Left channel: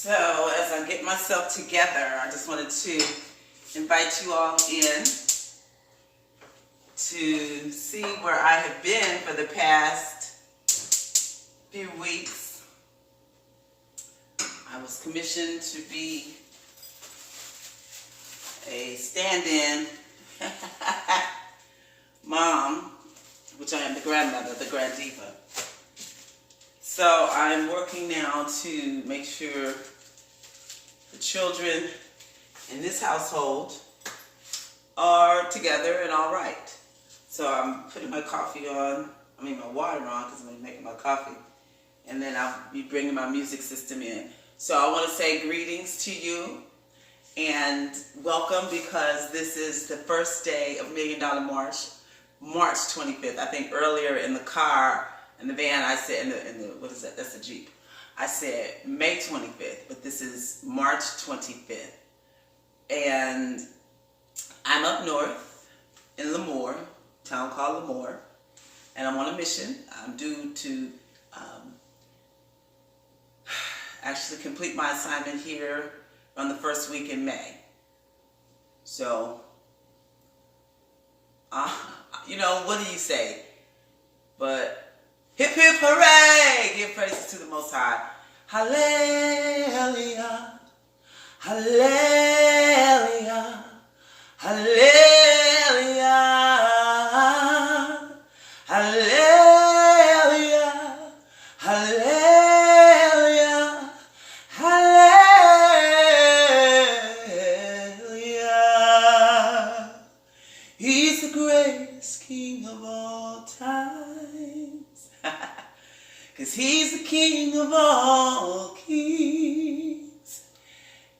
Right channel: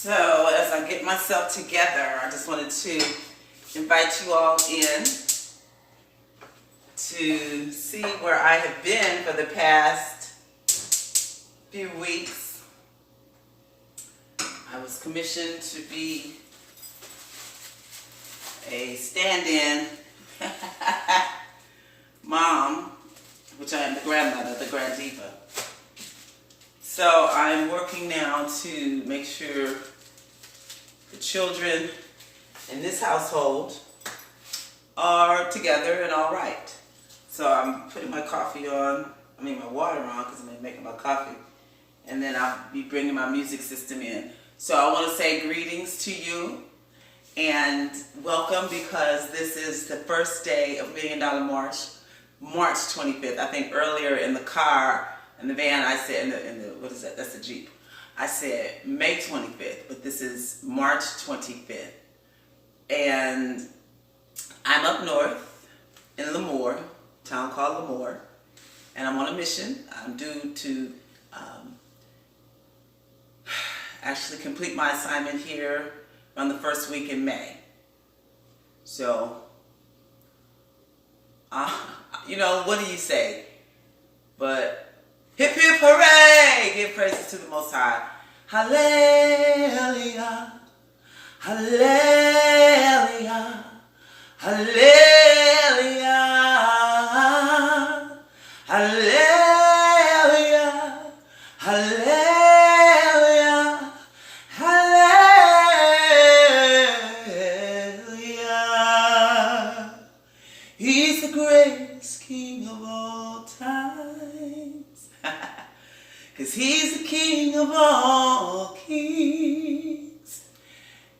So as I get myself together, I just wanted to invite you all in to see where I have been for the past few weeks. I was commissioned to be a stand-in mom, which I am the grandmother, the grand diva. So I'm working now to make sure the children in this household are together and all right. So I'm putting my my water on because I'm making my coffee. And then I'll be bringing my music system in. So I want to say greetings to you and welcome, because this is the first day of Million Dollar March, March 25th. I think earlier in the car, in the van, I said, what is that? That's the Jeep. I said May 25th, but this is March 25th. And I'm up north in Lemoore, a town called Lemoore, and I'm on a mission. I'm due to actually complete my assignment here around the first week in May. So, what do you say? But hip hip hooray! Give praises to the Most High. Hallelujah, hallelujah, hallelujah, hallelujah, hallelujah, hallelujah. He's the greatest King of all times. Because he's the King of all kings.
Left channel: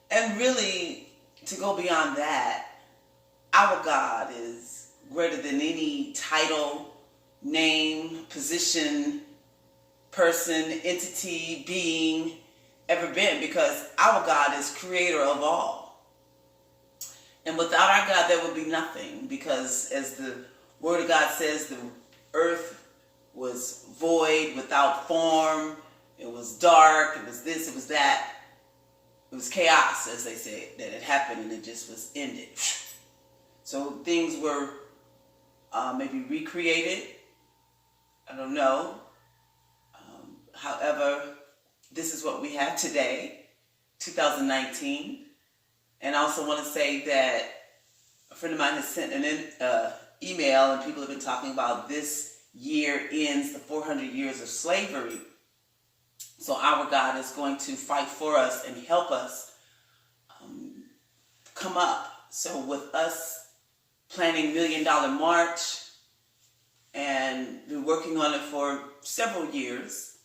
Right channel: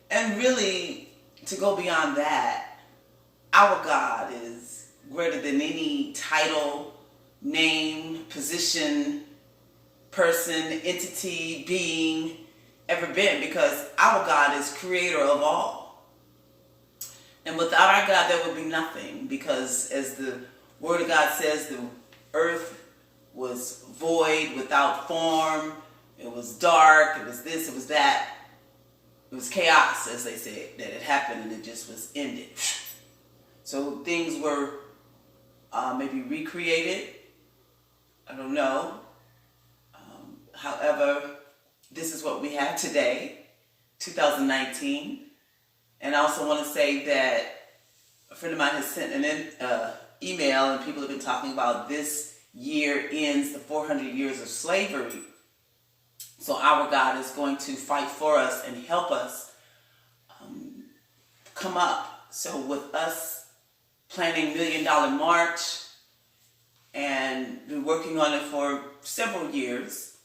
And really, to go beyond that, our God is greater than any title, name, position, person, entity, being ever been, because our God is creator of all. And without our God, there would be nothing, because as the Word of God says, the earth was void, without form, it was dark, it was this, it was that. It was chaos, as they said, that had happened and it just was ended. So things were maybe recreated. I don't know. However, this is what we have today, 2019. And I also want to say that a friend of mine has sent an email, and people have been talking about this year ends the 400 years of slavery. So our God is going to fight for us and help us come up. So with us planning Million Dollar March and been working on it for several years,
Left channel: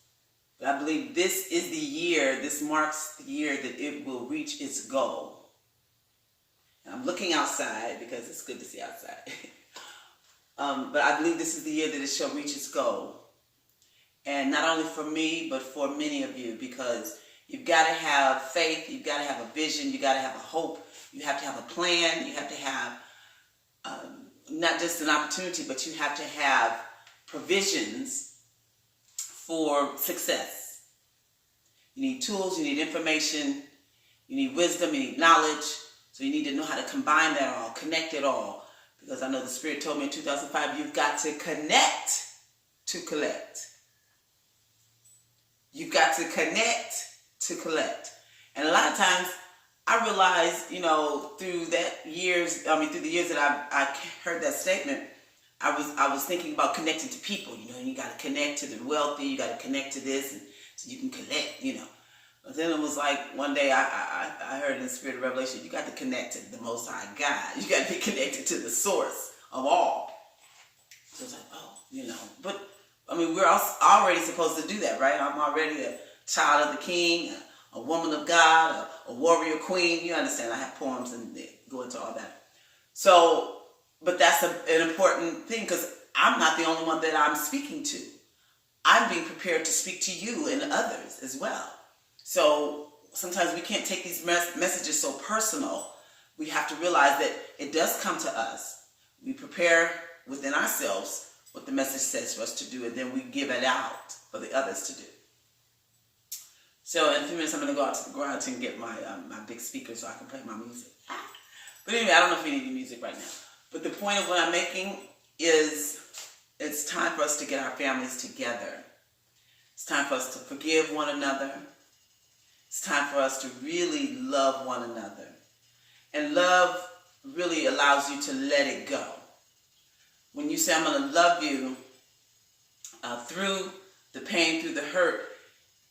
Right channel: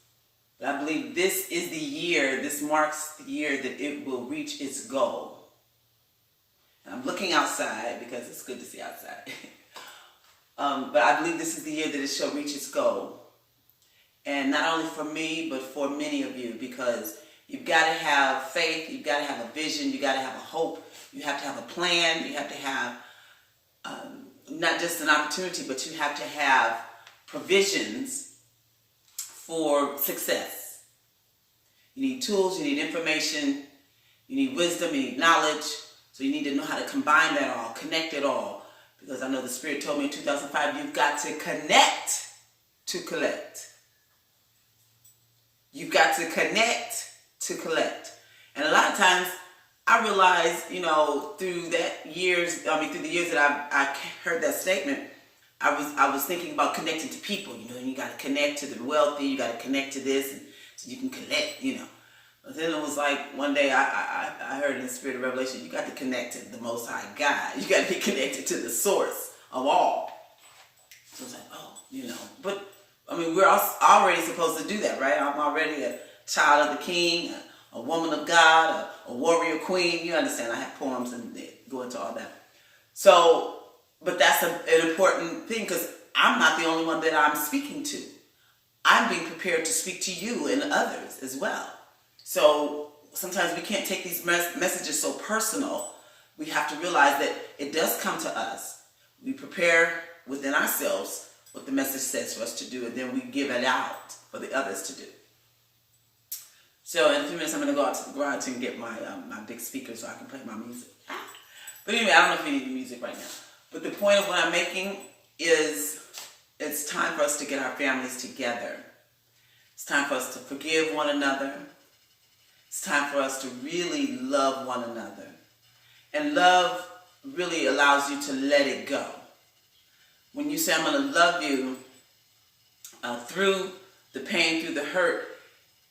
but I believe this is the year, this marks the year that it will reach its goal. And I'm looking outside because it's good to see outside. But I believe this is the year that it shall reach its goal. And not only for me, but for many of you, because you've got to have faith, you've got to have a vision, you've got to have a hope, you have to have a plan, you have to have not just an opportunity, but you have to have provisions for success. You need tools, you need information, you need wisdom, you need knowledge, so you need to know how to combine that all, connect it all. Because I know the Spirit told me in 2005, you've got to connect to collect. You've got to connect to collect. And a lot of times I realized, through the years that I heard that statement, I was thinking about connecting to people. You got to connect to the wealthy, you got to connect to this, and so you can collect, But then it was like one day I heard in the Spirit of Revelation, you got to connect to the Most High God. You got to be connected to the source of all. So it's like, but we're already supposed to do that, right? I'm already a child of the King, a woman of God, a warrior queen. You understand, I have poems and they go into all that. So, but that's an important thing, because I'm not the only one that I'm speaking to. I'm being prepared to speak to you and others as well. So sometimes we can't take these messages so personal. We have to realize that it does come to us. We prepare within ourselves what the message says for us to do, and then we give it out for the others to do. So in a few minutes, I'm going to go out to the garage and get my my big speaker so I can play my music. But anyway, I don't know if we need music right now. But the point of what I'm making is it's time for us to get our families together. It's time for us to forgive one another. It's time for us to really love one another. And love really allows you to let it go. When you say, I'm going to love you through the pain, through the hurt,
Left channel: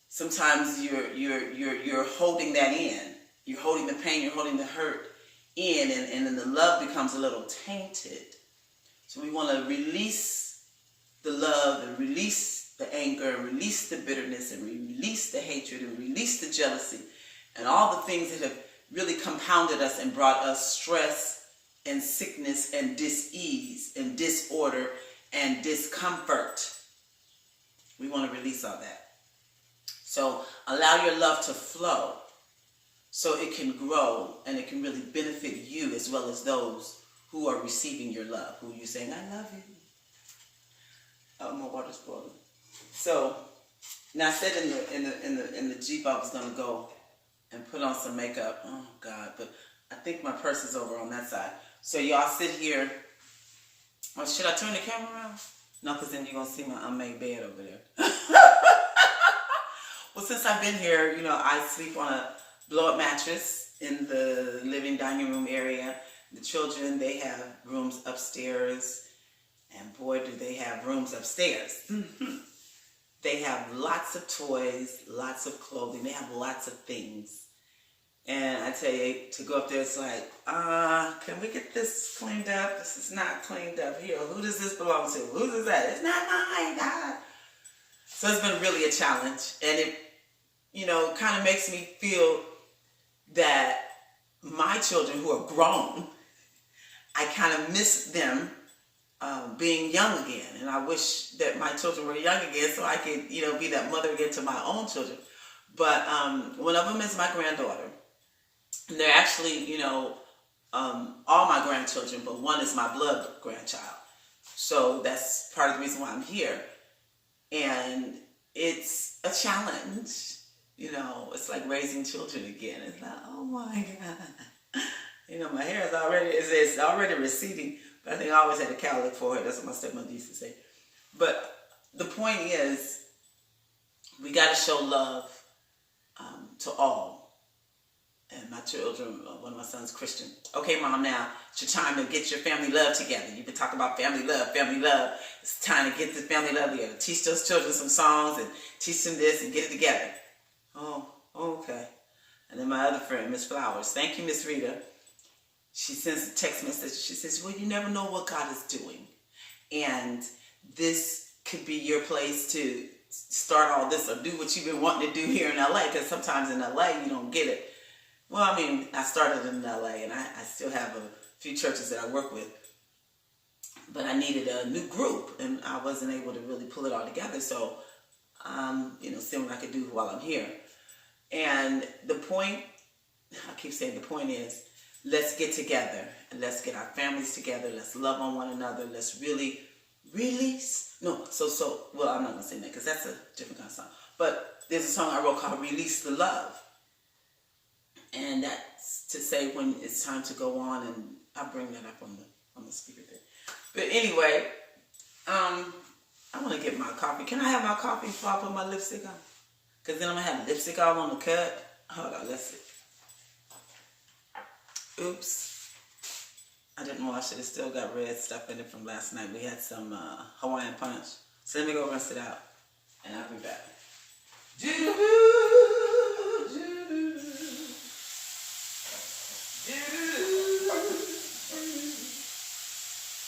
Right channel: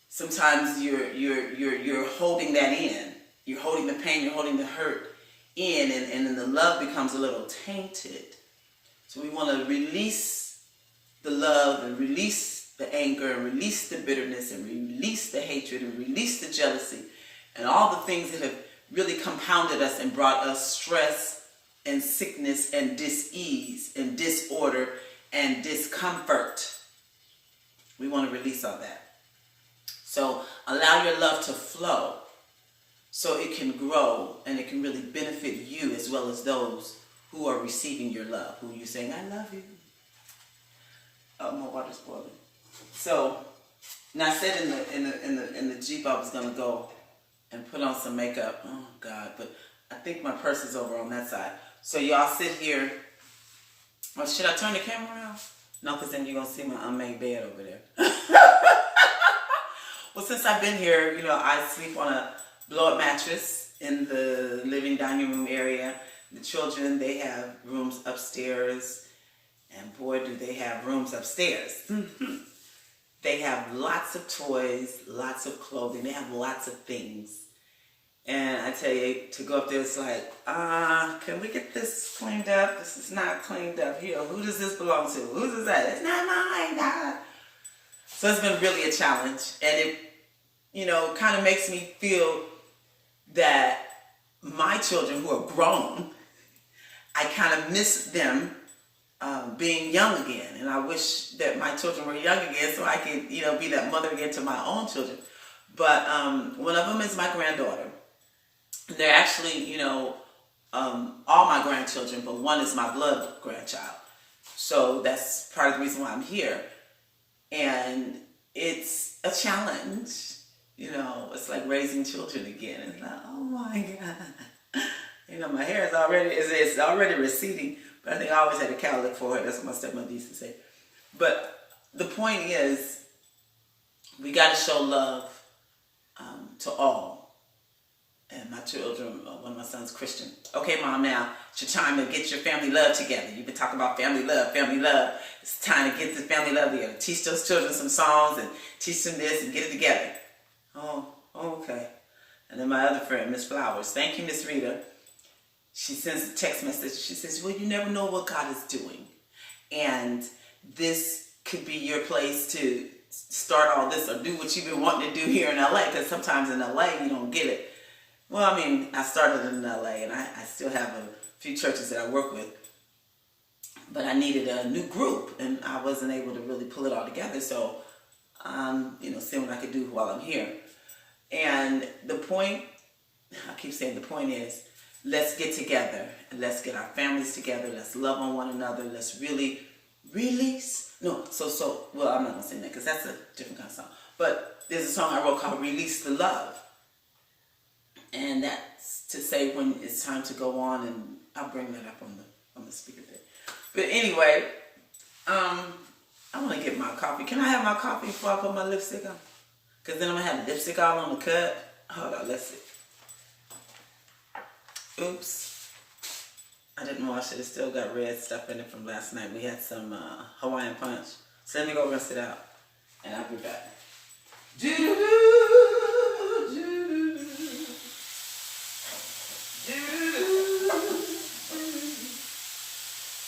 sometimes you're holding that in. You're holding the pain, you're holding the hurt in, and then the love becomes a little tainted. So we want to release the love and release the anger and release the bitterness and release the hatred and release the jealousy and all the things that have really compounded us and brought us stress and sickness and dis-ease and disorder and discomfort. We want to release all that. So allow your love to flow so it can grow and it can really benefit you as well as those who are receiving your love, who you're saying, I love you. Oh, my water's boiling. So now I said in the Jeep I was going to go and put on some makeup. Oh, God, but I think my purse is over on that side. So y'all sit here. Or should I turn the camera around? No, because then you're going to see my unmade bed over there. Well, since I've been here, I sleep on a blow-up mattress in the living dining room area. The children, they have rooms upstairs. And boy, do they have rooms upstairs. They have lots of toys, lots of clothing. They have lots of things. And I tell you, to go up there, it's like, can we get this cleaned up? This is not cleaned up here. Who does this belong to? Who does that? It's not mine. God. So it's been really a challenge. And it, kind of makes me feel that my children who are grown, I kind of miss them being young again. And I wish that my children were young again so I could, be that mother again to my own children. But one of them is my granddaughter. They're actually, all my grandchildren, but one is my blood grandchild. So that's part of the reason why I'm here. And it's a challenge. It's like raising children again. It's like, oh my God. My hair is already receding. But I think I always had a cowlick forehead. That's what my stepmother used to say. But the point is, we got to show love to all. And my children, one of my sons, Christian. Okay, Mom, now it's your time to get your family love together. You've been talking about family love, family love. It's time to get the family love together. Teach those children some songs and teach them this and get it together. Oh, okay. And then my other friend, Miss Flowers. Thank you, Miss Rita. She sends a text message. She says, well, you never know what God is doing. And this could be your place to start all this or do what you've been wanting to do here in LA. Because sometimes in LA, you don't get it. Well, I started in LA and I still have a few churches that I work with. But I needed a new group and I wasn't able to really pull it all together. So, seeing what I could do while I'm here. And the point, I keep saying the point is, let's get together and let's get our families together. Let's love on one another. Let's really release. Well, I'm not going to sing that because that's a different kind of song. But there's a song I wrote called Release the Love. And that's to say when it's time to go on, and I'll bring that up on the speaker thing. But anyway, I want to get my coffee. Can I have my coffee before I put my lipstick on? Because then I'm going to have lipstick all on the cut. Hold on, let's see. Oops. I didn't wash it. It still got red stuff in it from last night. We had some Hawaiian punch. So let me go rinse it out. And I'll be back.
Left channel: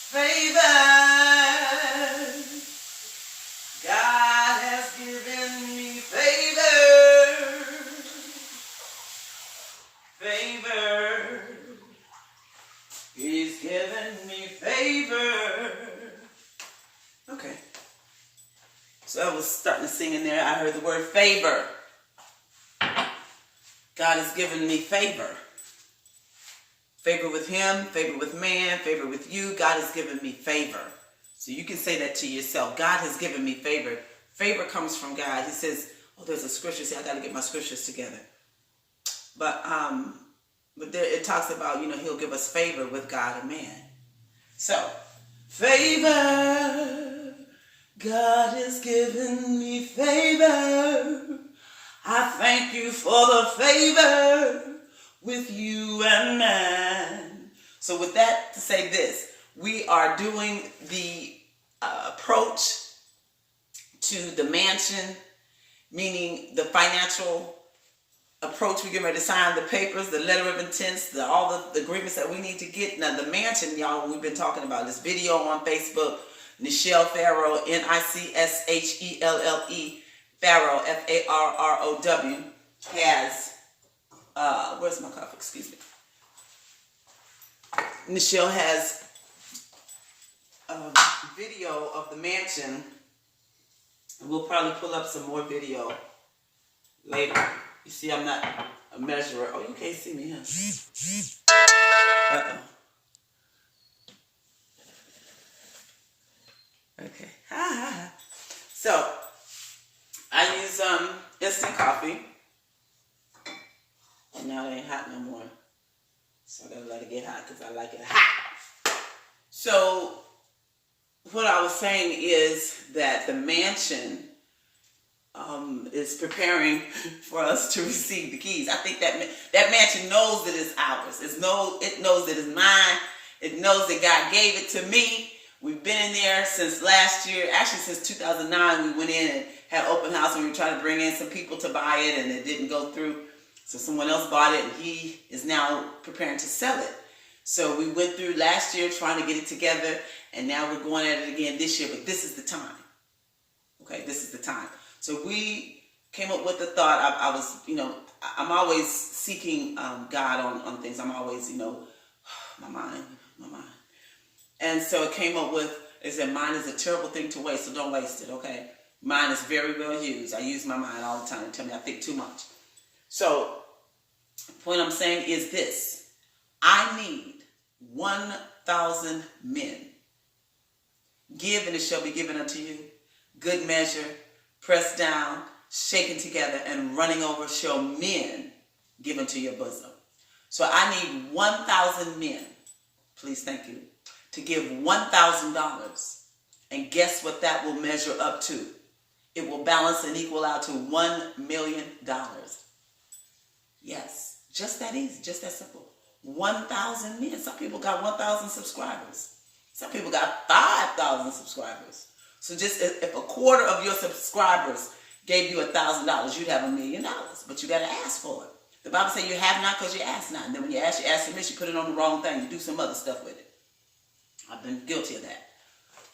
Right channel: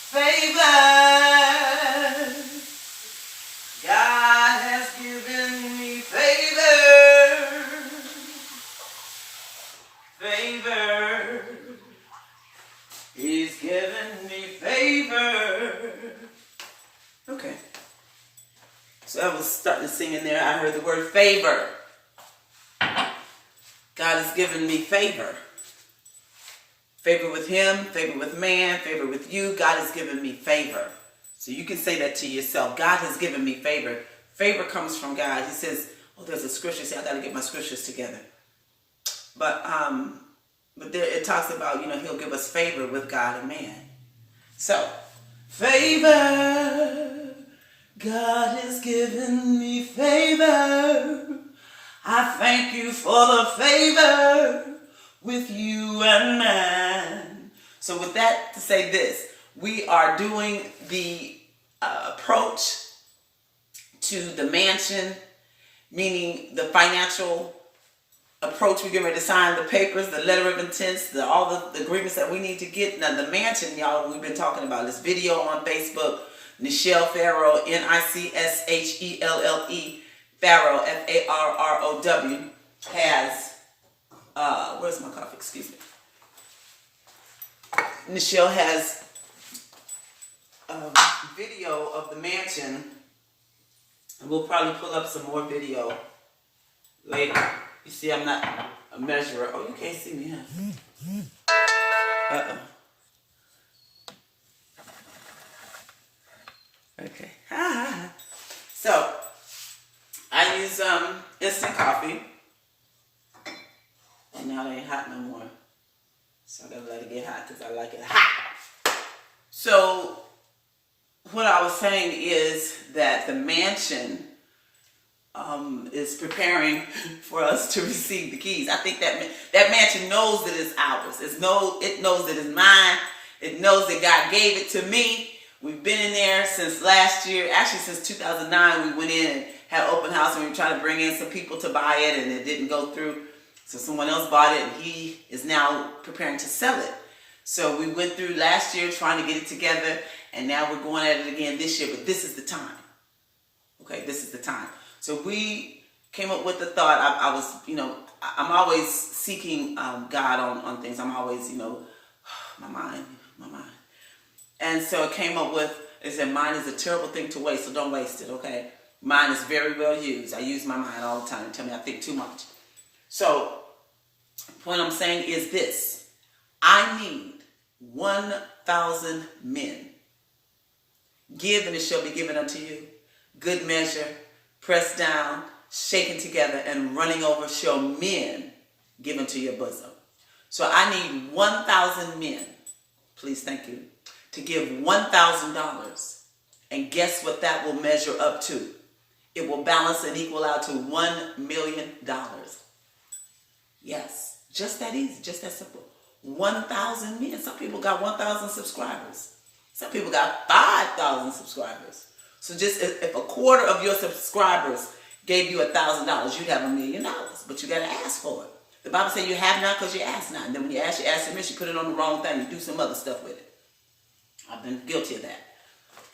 Favor. God has given me favor. Favor. He's given me favor. Okay. So I was starting to sing in there. I heard the word favor. God has given me favor. Favor with him, favor with man, favor with you. God has given me favor. So you can say that to yourself. God has given me favor. Favor comes from God. He says, Oh, there's a scripture. See, I got to get my scriptures together. But there it talks about, he'll give us favor with God and man. So, favor. God has given me favor. I thank you for the favor with you and man. So with that, to say this, we are doing the approach to the mansion, meaning the financial approach. We're getting ready to sign the papers, the letter of intents, all the agreements that we need to get. Now the mansion, y'all, we've been talking about this video on Facebook. Nichelle Farrow, Nichelle, Farrow, Farrow, has, where's my coffee? Excuse me. Nichelle has a video of the mansion. We'll probably pull up some more video later. You see, I'm not a measurer. Oh, you can't see me, huh? Uh-oh. Okay. So, I use instant coffee. And now it ain't hot no more. So I gotta let it get hot because I like it hot. So, what I was saying is that the mansion is preparing for us to receive the keys. I think that mansion knows that it's ours. It knows that it's mine. It knows that God gave it to me. We've been in there since last year. Actually, since 2009, we went in and had open house, and we were trying to bring in some people to buy it, and it didn't go through. So someone else bought it, and he is now preparing to sell it. So we went through last year trying to get it together, and now we're going at it again this year. But this is the time. Okay, this is the time. So we came up with the thought. I was, I'm always seeking God on things. I'm always, my mind. And so it came up with, it said, mind is a terrible thing to waste, so don't waste it, okay? Mine is very well used. I use my mind all the time. They tell me I think too much. So, what I'm saying is this. I need 1,000 men. Give, and it shall be given unto you. Good measure, pressed down, shaken together, and running over shall men give unto your bosom. So I need 1,000 men. Please, thank you. To give $1,000, and guess what that will measure up to? It will balance and equal out to $1 million. Yes, just that easy, just that simple. 1,000 men. Some people got 1,000 subscribers. Some people got 5,000 subscribers. So just if a quarter of your subscribers gave you $1,000, you'd have $1 million. But you got to ask for it. The Bible says you have not because you ask not. And then when you ask permission, you put it on the wrong thing. You do some other stuff with it. I've been guilty of that.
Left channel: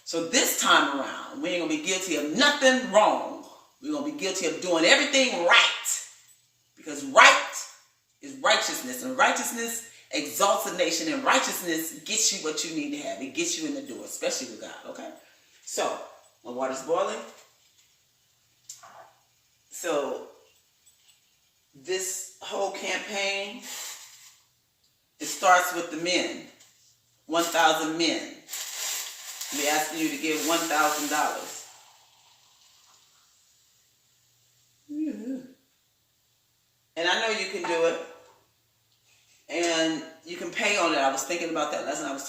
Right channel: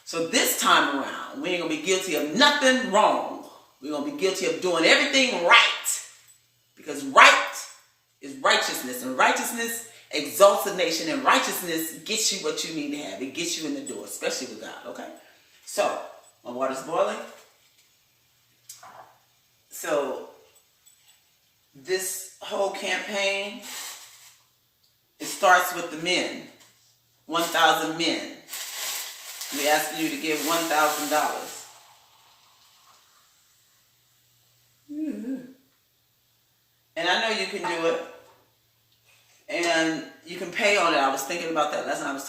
So this time around, we ain't going to be guilty of nothing wrong. We're going to be guilty of doing everything right. Because right is righteousness. And righteousness exalts a nation. And righteousness gets you what you need to have. It gets you in the door, especially with God. Okay? So, my water's boiling. So, this whole campaign, it starts with the men. 1,000 men. We asking you to give $1,000. And I know you can do it. And you can pay on it. I was thinking about that last night. I was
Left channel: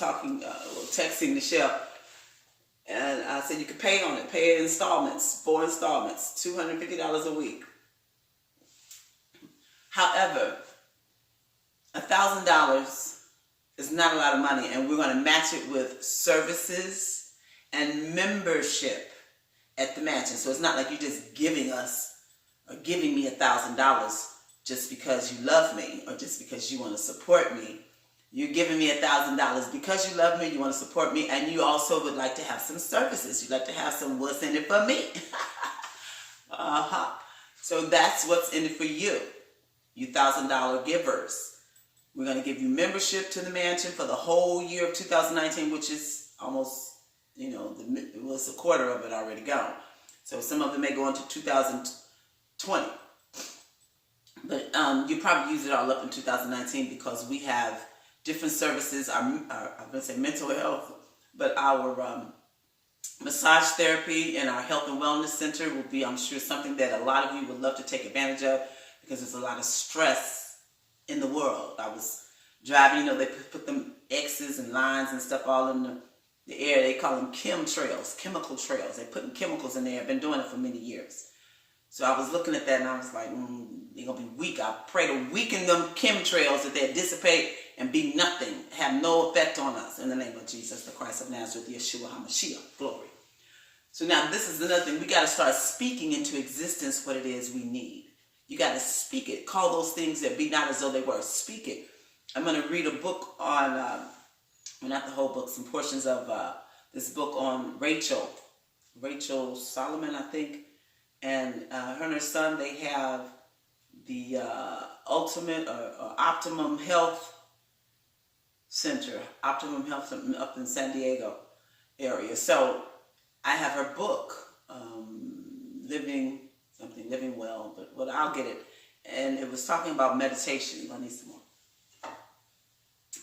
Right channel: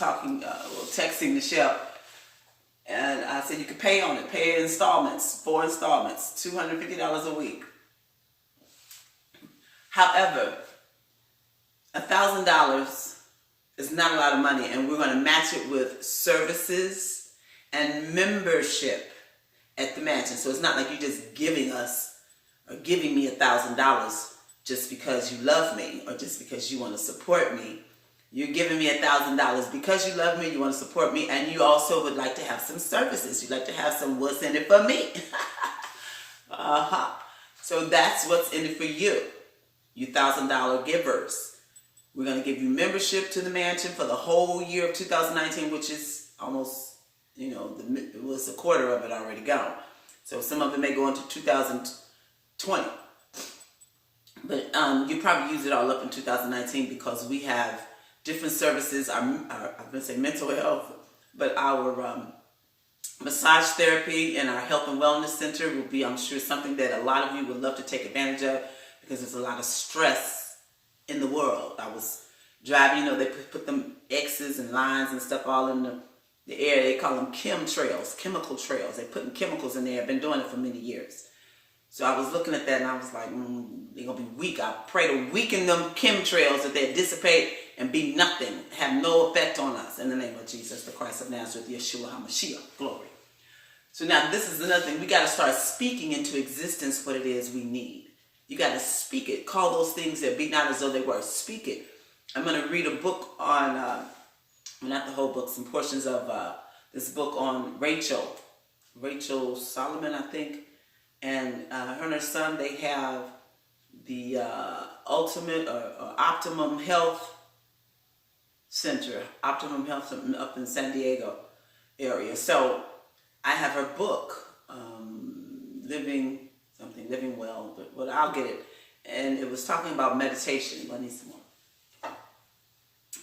texting Nichelle. And I said you can pay on it. Pay in installments. 4 installments. $250 a week. However, $1,000 is not a lot of money, and we're going to match it with services and membership at the mansion. So it's not like you're just giving us or giving me $1,000 just because you love me or just because you want to support me. You're giving me $1,000 because you love me, you want to support me, and you also would like to have some services. You'd like to have some what's in it for me. So that's what's in it for you. You $1,000 givers. We're going to give you membership to the mansion for the whole year of 2019, which is almost, it was a quarter of it already gone. So some of it may go into 2020. But you probably use it all up in 2019 because we have different services. I'm going to say mental health, but our massage therapy in our health and wellness center will be, I'm sure, something that a lot of you would love to take advantage of because there's a lot of stress in the world. I was driving, they put them X's and lines and stuff all in the air. They call them chemtrails, chemical trails. They're putting chemicals in there. I've been doing it for many years. So I was looking at that and I was like, they're going to be weak. I pray to weaken them chemtrails that they dissipate and be nothing, have no effect on us. In the name of Jesus, the Christ of Nazareth, Yeshua HaMashiach, glory. So now this is another thing. We got to start speaking into existence what it is we need. You got to speak it. Call those things that be not as though they were. Speak it. I'm going to read a book on, not the whole book, some portions of this book on Rachel Solomon, I think. And her and her son, they have the Ultimate or Optimum Health Center, Optimum Health up in San Diego area. So I have her book, Living Well, but I'll get it. And it was talking about meditation. I need some more.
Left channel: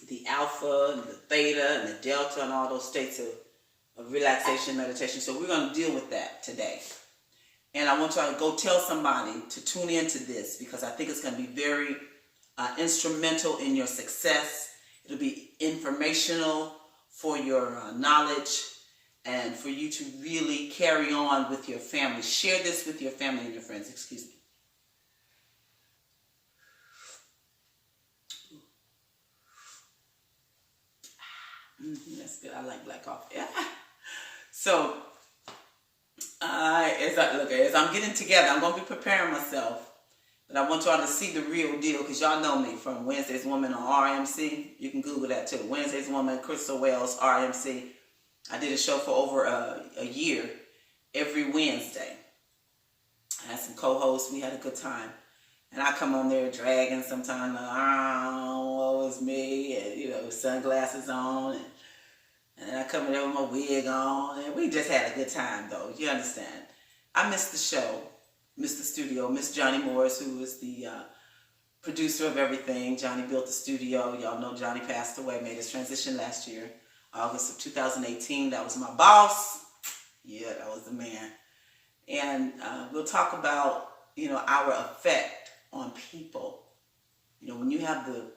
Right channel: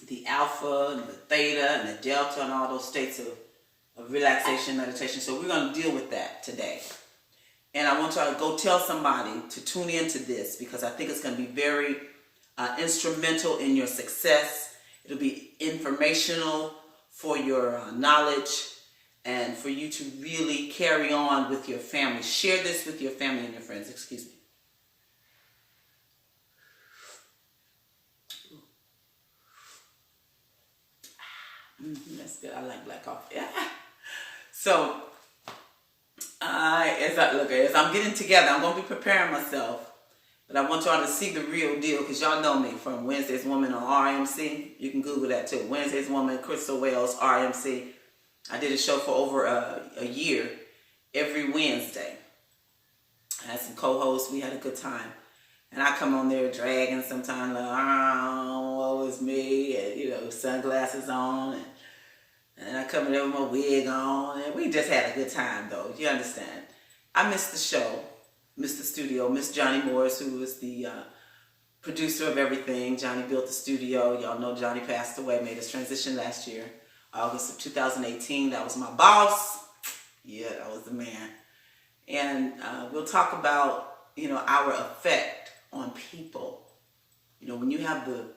The alpha and the theta and the delta and all those states of relaxation, meditation. So we're going to deal with that today. And I want y'all to go tell somebody to tune into this because I think it's going to be very instrumental in your success. It'll be informational for your knowledge and for you to really carry on with your family. Share this with your family and your friends. Excuse me. That's good. I like black coffee. Yeah. So, as I'm getting together, I'm going to be preparing myself. But I want y'all to see the real deal because y'all know me from Wednesday's Woman on RMC. You can Google that too. Wednesday's Woman, Crystal Wells, RMC. I did a show for over a year every Wednesday. I had some co-hosts. We had a good time. And I come on there dragging sometimes like, woe is me, and, sunglasses on. And I come in there with my wig on. And we just had a good time, though. You understand? I missed the show, missed the studio, missed Johnny Morris, who is the producer of everything. Johnny built the studio. Y'all know Johnny passed away, made his transition last year, August of 2018. That was my boss. Yeah, that was the man. And we'll talk about, our effect on people. When you have the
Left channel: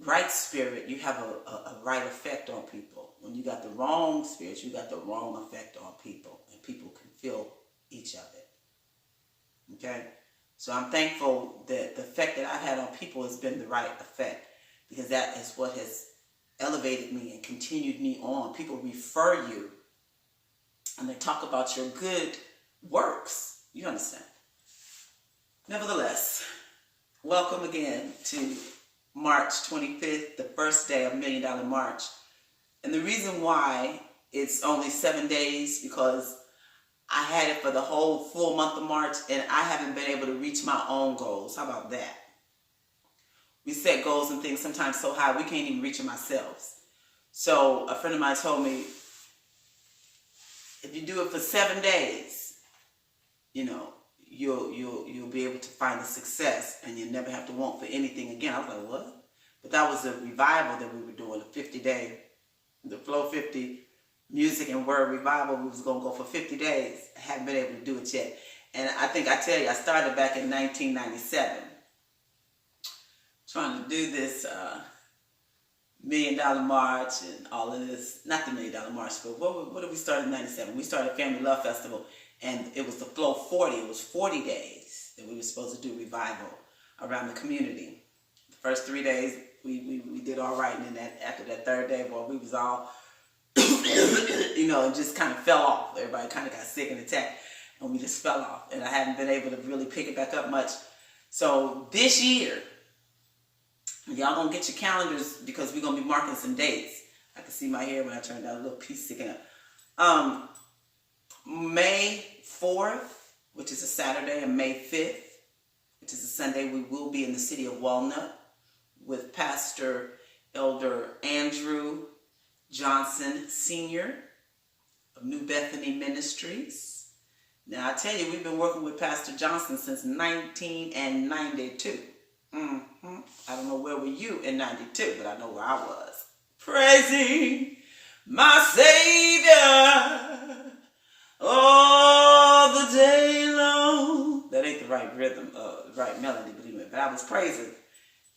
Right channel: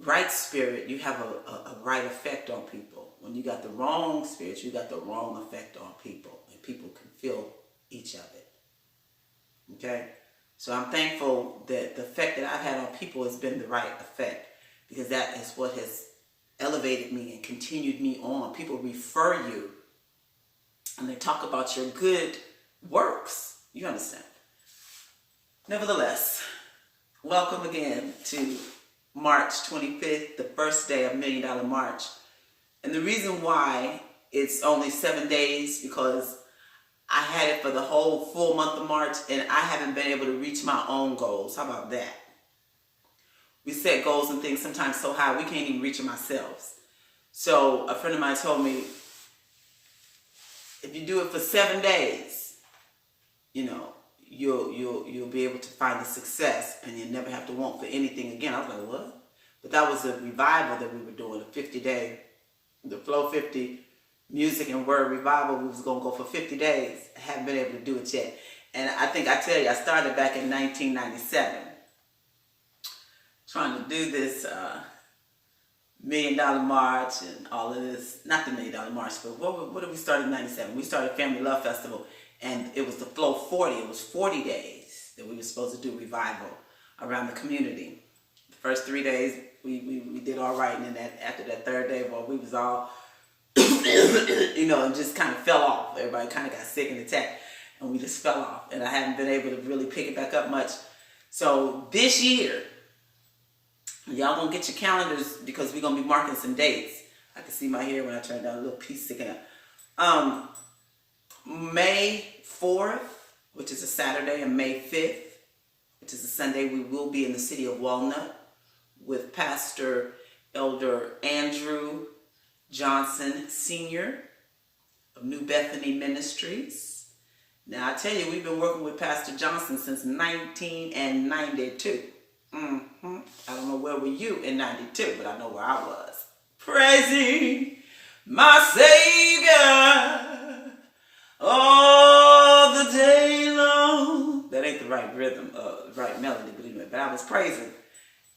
right spirit, you have a right effect on people. When you got the wrong spirit, you got the wrong effect on people. And people can feel each of it. Okay? So I'm thankful that the effect that I've had on people has been the right effect. Because that is what has elevated me and continued me on. People refer you. And they talk about your good works. You understand? Nevertheless, welcome again to March 25th, the first day of $1 Million March. And the reason why it's only 7 days because I had it for the whole full month of March and I haven't been able to reach my own goals. How about that? We set goals and things sometimes so high we can't even reach them ourselves. So a friend of mine told me, if you do it for 7 days, you'll be able to find the success and you'll never have to want for anything again. I was like, what? But that was a revival that we were doing, a 50-day, the Flow 50 Music and Word Revival. We was going to go for 50 days. I haven't been able to do it yet. And I started back in 1997 trying to do this $1 Million March and all of this. Not the $1 Million March, but what did we start in 97? We started Family Love Festival. And it was the Flow 40. It was 40 days that we were supposed to do revival around the community. The first 3 days, we did all right. And then after that third day, we was all, and just kind of fell off. Everybody kind of got sick and attacked. And we just fell off. And I haven't been able to really pick it back up much. So this year, y'all gonna get your calendars because we're going to be marking some dates. I can see my hair when I turn down, a little piece sticking up. May 4th, which is a Saturday, and May 5th, which is a Sunday, we will be in the city of Walnut with Pastor Elder Andrew Johnson Sr. of New Bethany Ministries. Now, I tell you, we've been working with Pastor Johnson since 1992. I don't know where were you in 92, but I know where I was. Praising my Savior. all the day long. That ain't the right rhythm, right melody, but I was praising.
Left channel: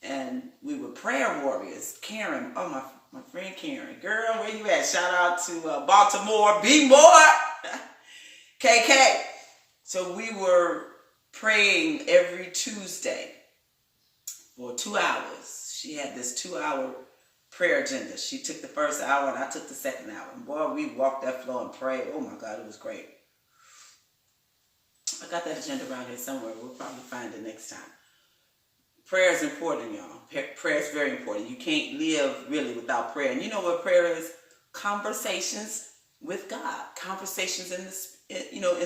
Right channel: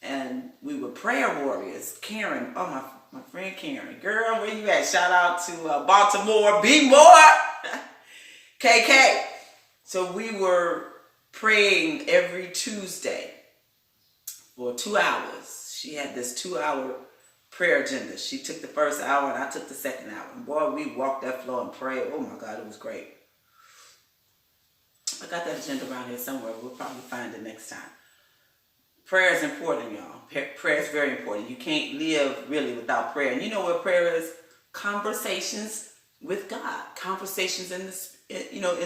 And we were prayer warriors. Karen, oh my friend Karen. Girl, where you at? Shout out to Baltimore. Be more. KK. So we were praying every Tuesday for 2 hours. She had this 2-hour prayer agenda. She took the first hour and I took the second hour. And boy, we walked that floor and prayed. Oh my God, it was great. I got that agenda around here somewhere. We'll probably find it next time. Prayer is important, y'all. Prayer is very important. You can't live really without prayer. And you know what prayer is? Conversations with God. Conversations in the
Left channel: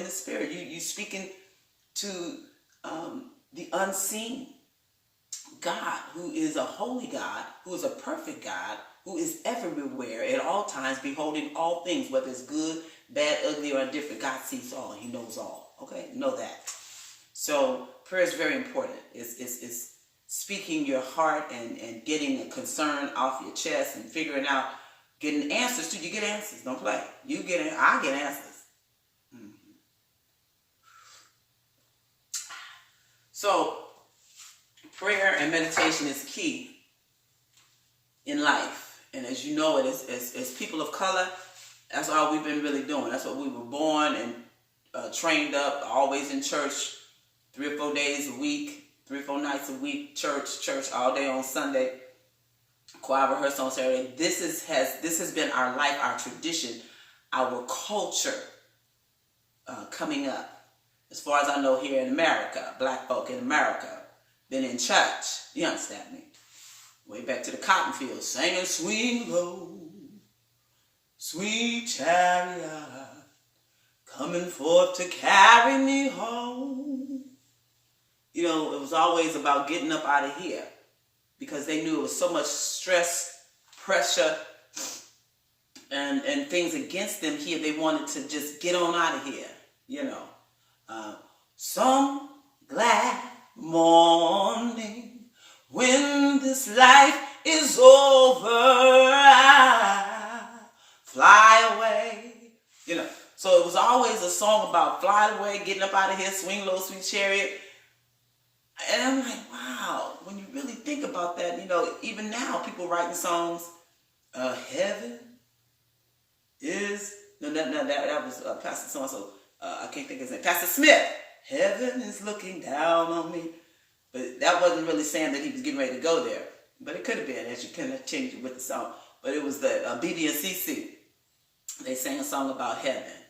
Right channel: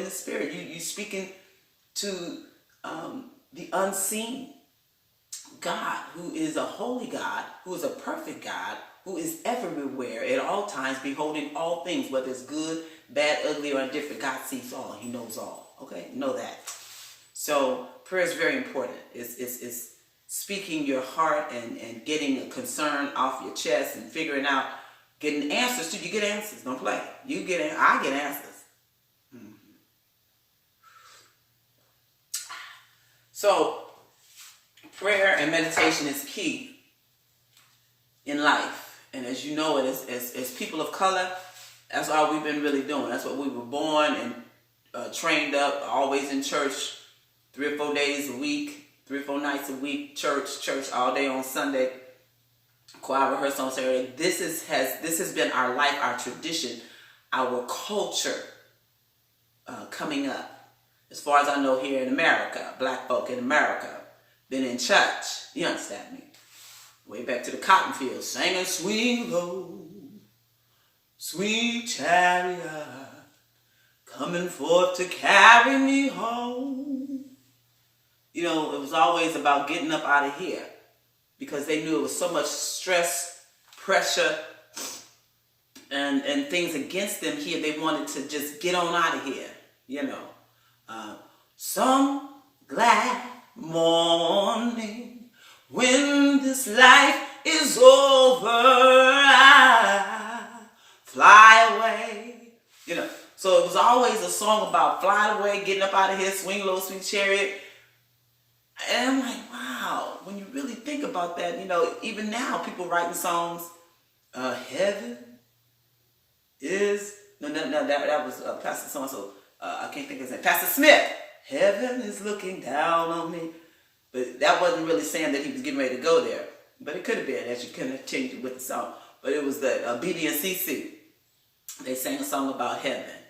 spirit. You speaking to the unseen God, who is a holy God, who is a perfect God, who is everywhere at all times, beholding all things, whether it's good, bad, ugly, or indifferent. God sees all. He knows all. Okay? Know that. So prayer is very important. It's speaking your heart and getting a concern off your chest and figuring out, getting answers too. You get answers. Don't play. I get answers. Mm-hmm. So prayer and meditation is key in life. And as you know it, as people of color, that's all we've been really doing. That's what we were born and trained up, always in church 3 or 4 days a week. 3 or 4 nights a week, church all day on Sunday, choir rehearsal on Saturday. This has been our life, our tradition, our culture coming up. As far as I know, here in America, black folk in America, been in church. You understand me? Way back to the cotton fields, singing sweet low, sweet chariot, coming forth to carry me home. You know, it was always about getting up out of here because they knew it was so much stress, pressure, and things against them here. They wanted to just get on out of here, you know. Some glad morning when this life is over, I fly away. You know, so it was always a song about flying away, getting up out of here, swing low, sweet chariot. And I'm like, wow, when you really think about that, you know, even now people writing songs, heaven is, that was Pastor so-and-so, I can't think of his name, Pastor Smith, heaven is looking down on me. But that wasn't really saying that he was getting ready to go there. But it could have been as you continue with the song. But it was the BB and CC. They sang a song about heaven,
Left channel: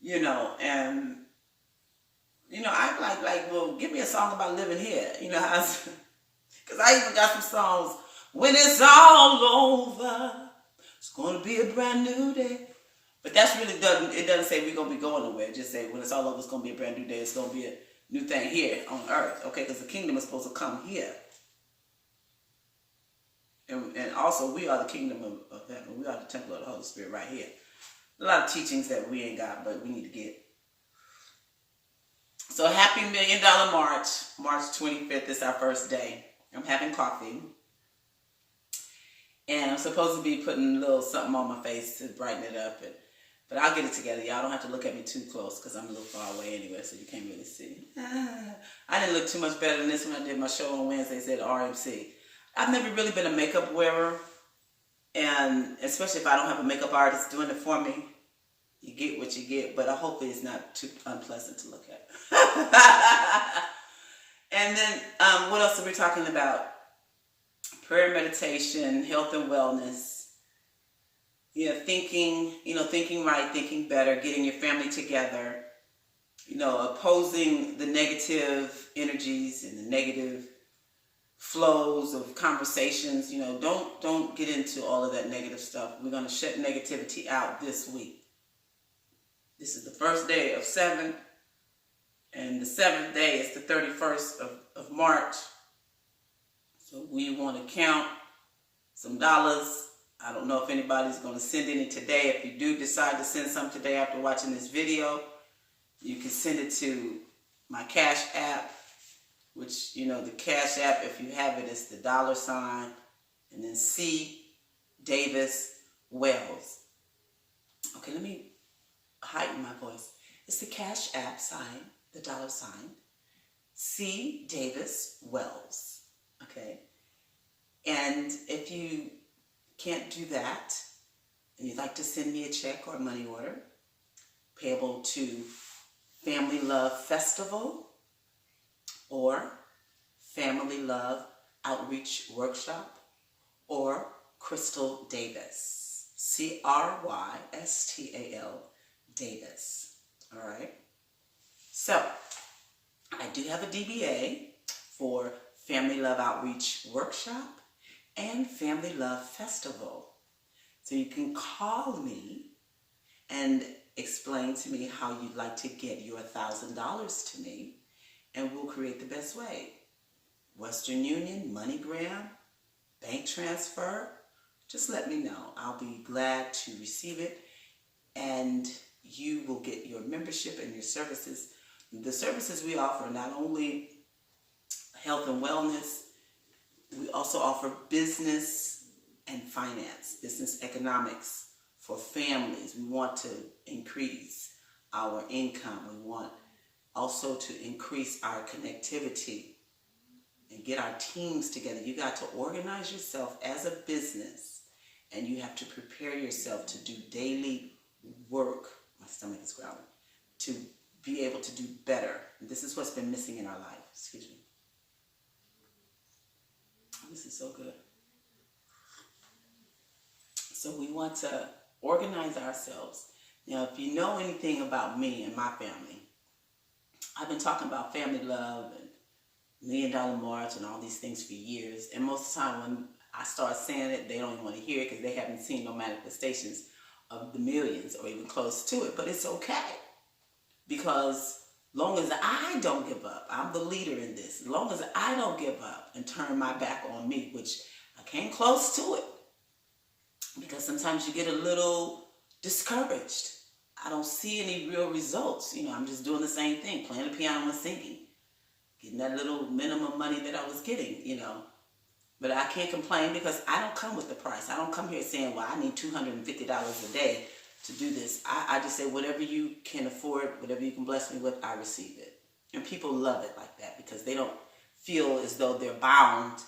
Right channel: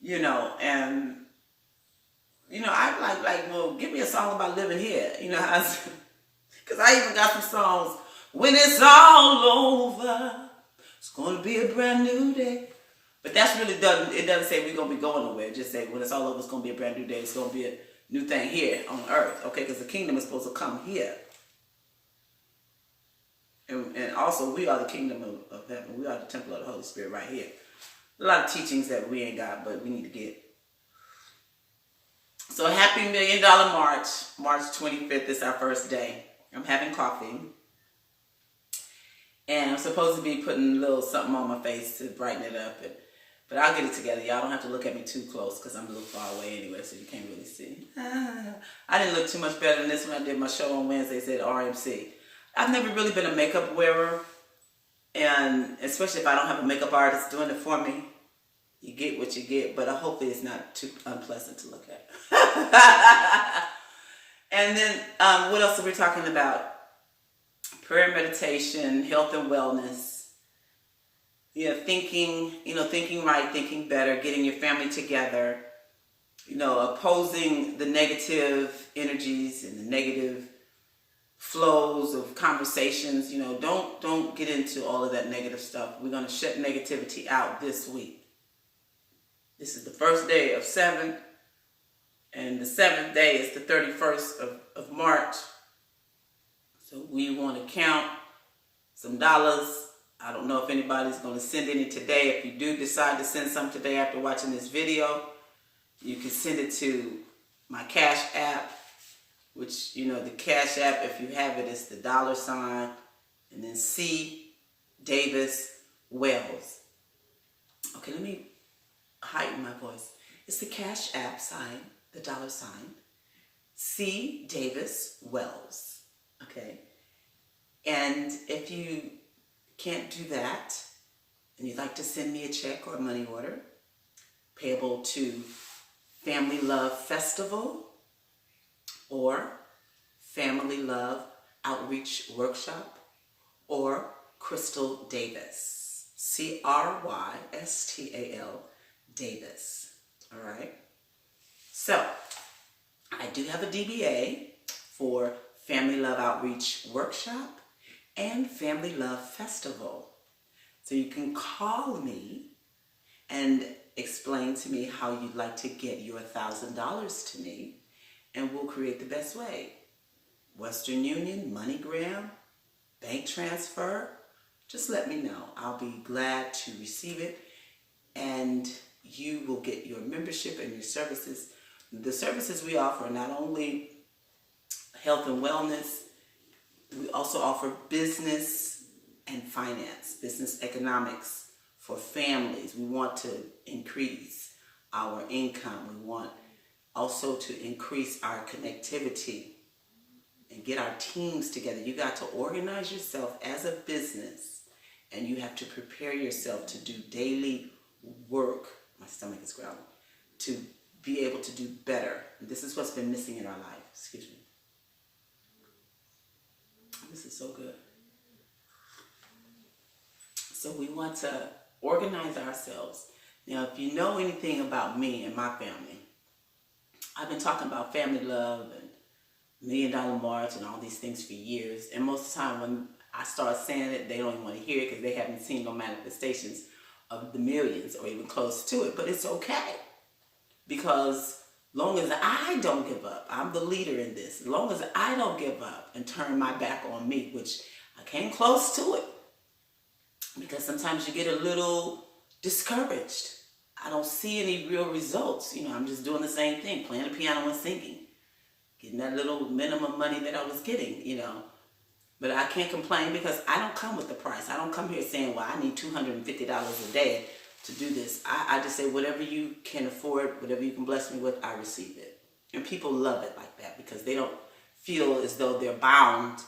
you know, and you know, I like, well, give me a song about living here. You know, because I even got some songs. When it's all over, it's going to be a brand new day. But that's really it doesn't say we're going to be going nowhere. It just say when it's all over, it's going to be a brand new day. It's going to be a new thing here on earth. Okay, because the kingdom is supposed to come here. And also, we are the kingdom of heaven. We are the temple of the Holy Spirit right here. A lot of teachings that we ain't got, but we need to get. So happy $1 Million March. March 25th is our first day. I'm having coffee. And I'm supposed to be putting a little something on my face to brighten it up. But I'll get it together. Y'all don't have to look at me too close because I'm a little far away anyway, so you can't really see. I didn't look too much better than this when I did my show on Wednesdays at RMC. I've never really been a makeup wearer. And especially if I don't have a makeup artist doing it for me. You get what you get, but hopefully it's not too unpleasant to look at. And then what else are we talking about? Prayer, meditation, health and wellness. Thinking right, thinking better, getting your family together. Opposing the negative energies and the negative flows of conversations. Don't get into all of that negative stuff. We're going to shut negativity out this week. This is the first day of 7, and the 7th day is the 31st of March. So we want to count some dollars. I don't know if anybody's going to send any today. If you do decide to send some today after watching this video, you can send it to my Cash App, which, the Cash App, if you have it, is the $ and then C. Davis Wells. Okay, let me heighten my voice. It's the Cash App sign, the $ C. Davis Wells. Okay? And if you can't do that, and you'd like to send me a check or a money order, payable to Family Love Festival or Family Love Outreach Workshop or Crystal Davis. Crystal Davis. All right? So, I do have a DBA for Family Love Outreach Workshop and Family Love Festival. So you can call me and explain to me how you'd like to get your $1,000 to me, and we'll create the best way. Western Union, MoneyGram, bank transfer, just let me know. I'll be glad to receive it, and you will get your membership and your services. The services we offer, not only health and wellness, we also offer business and finance, business economics for families. We want to increase our income. We want also to increase our connectivity and get our teams together. You got to organize yourself as a business, and you have to prepare yourself to do daily work. My stomach is growling. To be able to do better. And this is what's been missing in our life. Excuse me. This is so good. So we want to organize ourselves. Now, if you know anything about me and my family, I've been talking about family love and $1 Million March and all these things for years. And most of the time when I start saying it, they don't even want to hear it because they haven't seen no manifestations of the millions or even close to it. But it's okay. Because long as I don't give up, I'm the leader in this. As long as I don't give up and turn my back on me, which I came close to it. Because sometimes you get a little discouraged. I don't see any real results. I'm just doing the same thing, playing the piano and singing. Getting that little minimum money that I was getting, But I can't complain because I don't come with the price. I don't come here saying, well, I need $250 a day to do this. I just say whatever you can afford, whatever you can bless me with, I receive it. And people love it like that because they don't feel as though they're bound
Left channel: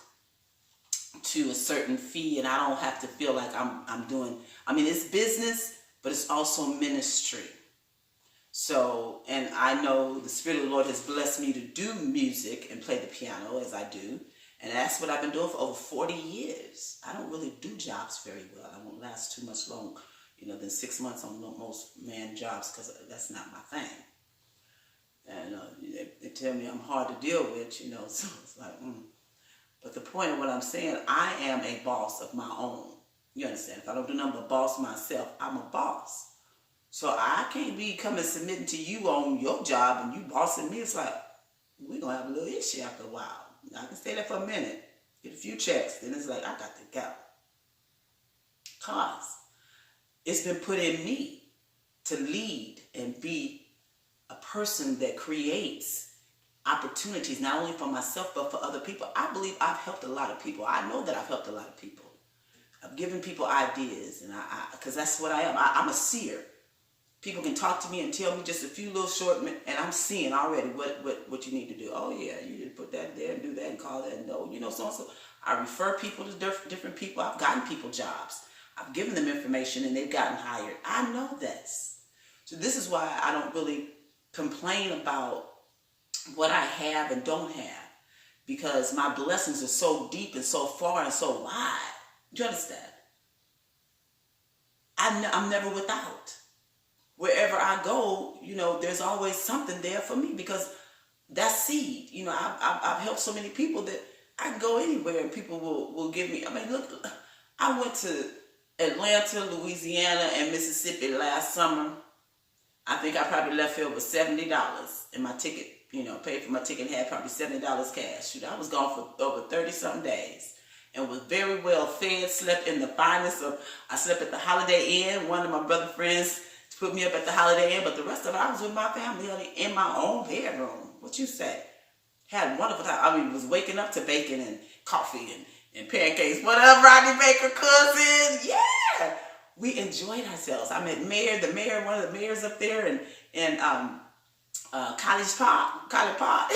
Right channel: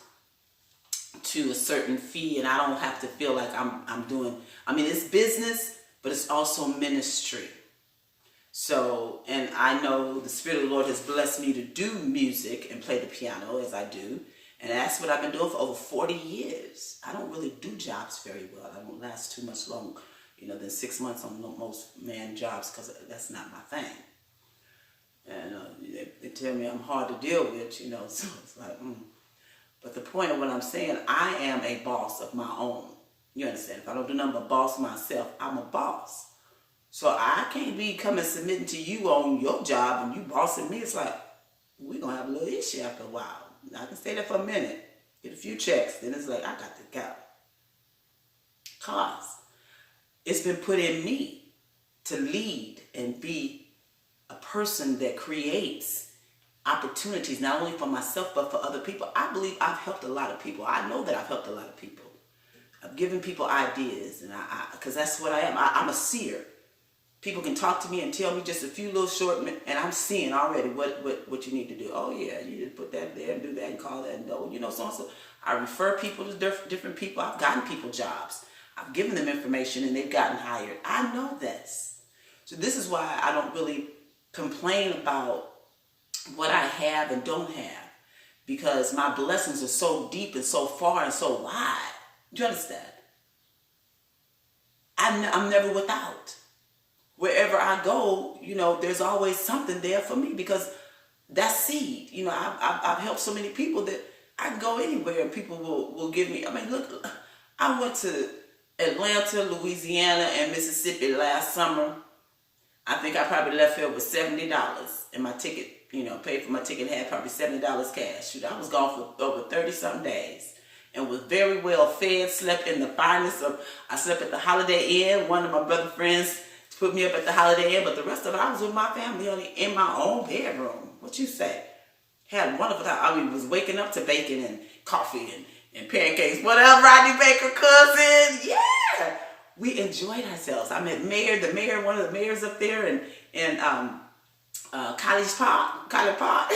to a certain fee, and I don't have to feel like I'm doing, it's business, but it's also ministry. So, and I know the Spirit of the Lord has blessed me to do music and play the piano as I do. And that's what I've been doing for over 40 years. I don't really do jobs very well. I don't last too much long, than 6 months on most man jobs because that's not my thing. And they tell me I'm hard to deal with, so it's like, But the point of what I'm saying, I am a boss of my own. You understand? If I don't do nothing but boss myself, I'm a boss. So I can't be coming submitting to you on your job and you bossing me. It's like, we're going to have a little issue after a while. I can stay there for a minute, get a few checks, then it's like, I got to go. Because it's been put in me to lead and be a person that creates opportunities, not only for myself, but for other people. I believe I've helped a lot of people. I know that I've helped a lot of people. I've given people ideas, and because that's what I am. I'm a seer. People can talk to me and tell me just a few little short, and I'm seeing already what you need to do. Oh yeah, you just put that there and do that and call that and no, so and so. I refer people to different people. I've gotten people jobs. I've given them information and they've gotten hired. I know this. So this is why I don't really complain about what I have and don't have, because my blessings are so deep and so far and so wide. Do you understand? I'm never without. Wherever I go, there's always something there for me because that's seed. I've helped so many people that I can go anywhere and people will give me. Look, I went to Atlanta, Louisiana, and Mississippi last summer. I think I probably left here with $70 in my ticket. Paid for my ticket and had probably $70 cash. Shoot, I was gone for over 30-something days and was very well fed, slept in the finest of, I slept at the Holiday Inn. One of my brother friends put me up at the Holiday Inn, but the rest of it, I was with my family in my own bedroom. What you say? Had a wonderful time. Was waking up to bacon and coffee and pancakes. Whatever, Rodney Baker cousin. Yeah. we enjoyed ourselves. I met one of the mayors up there, and College Park.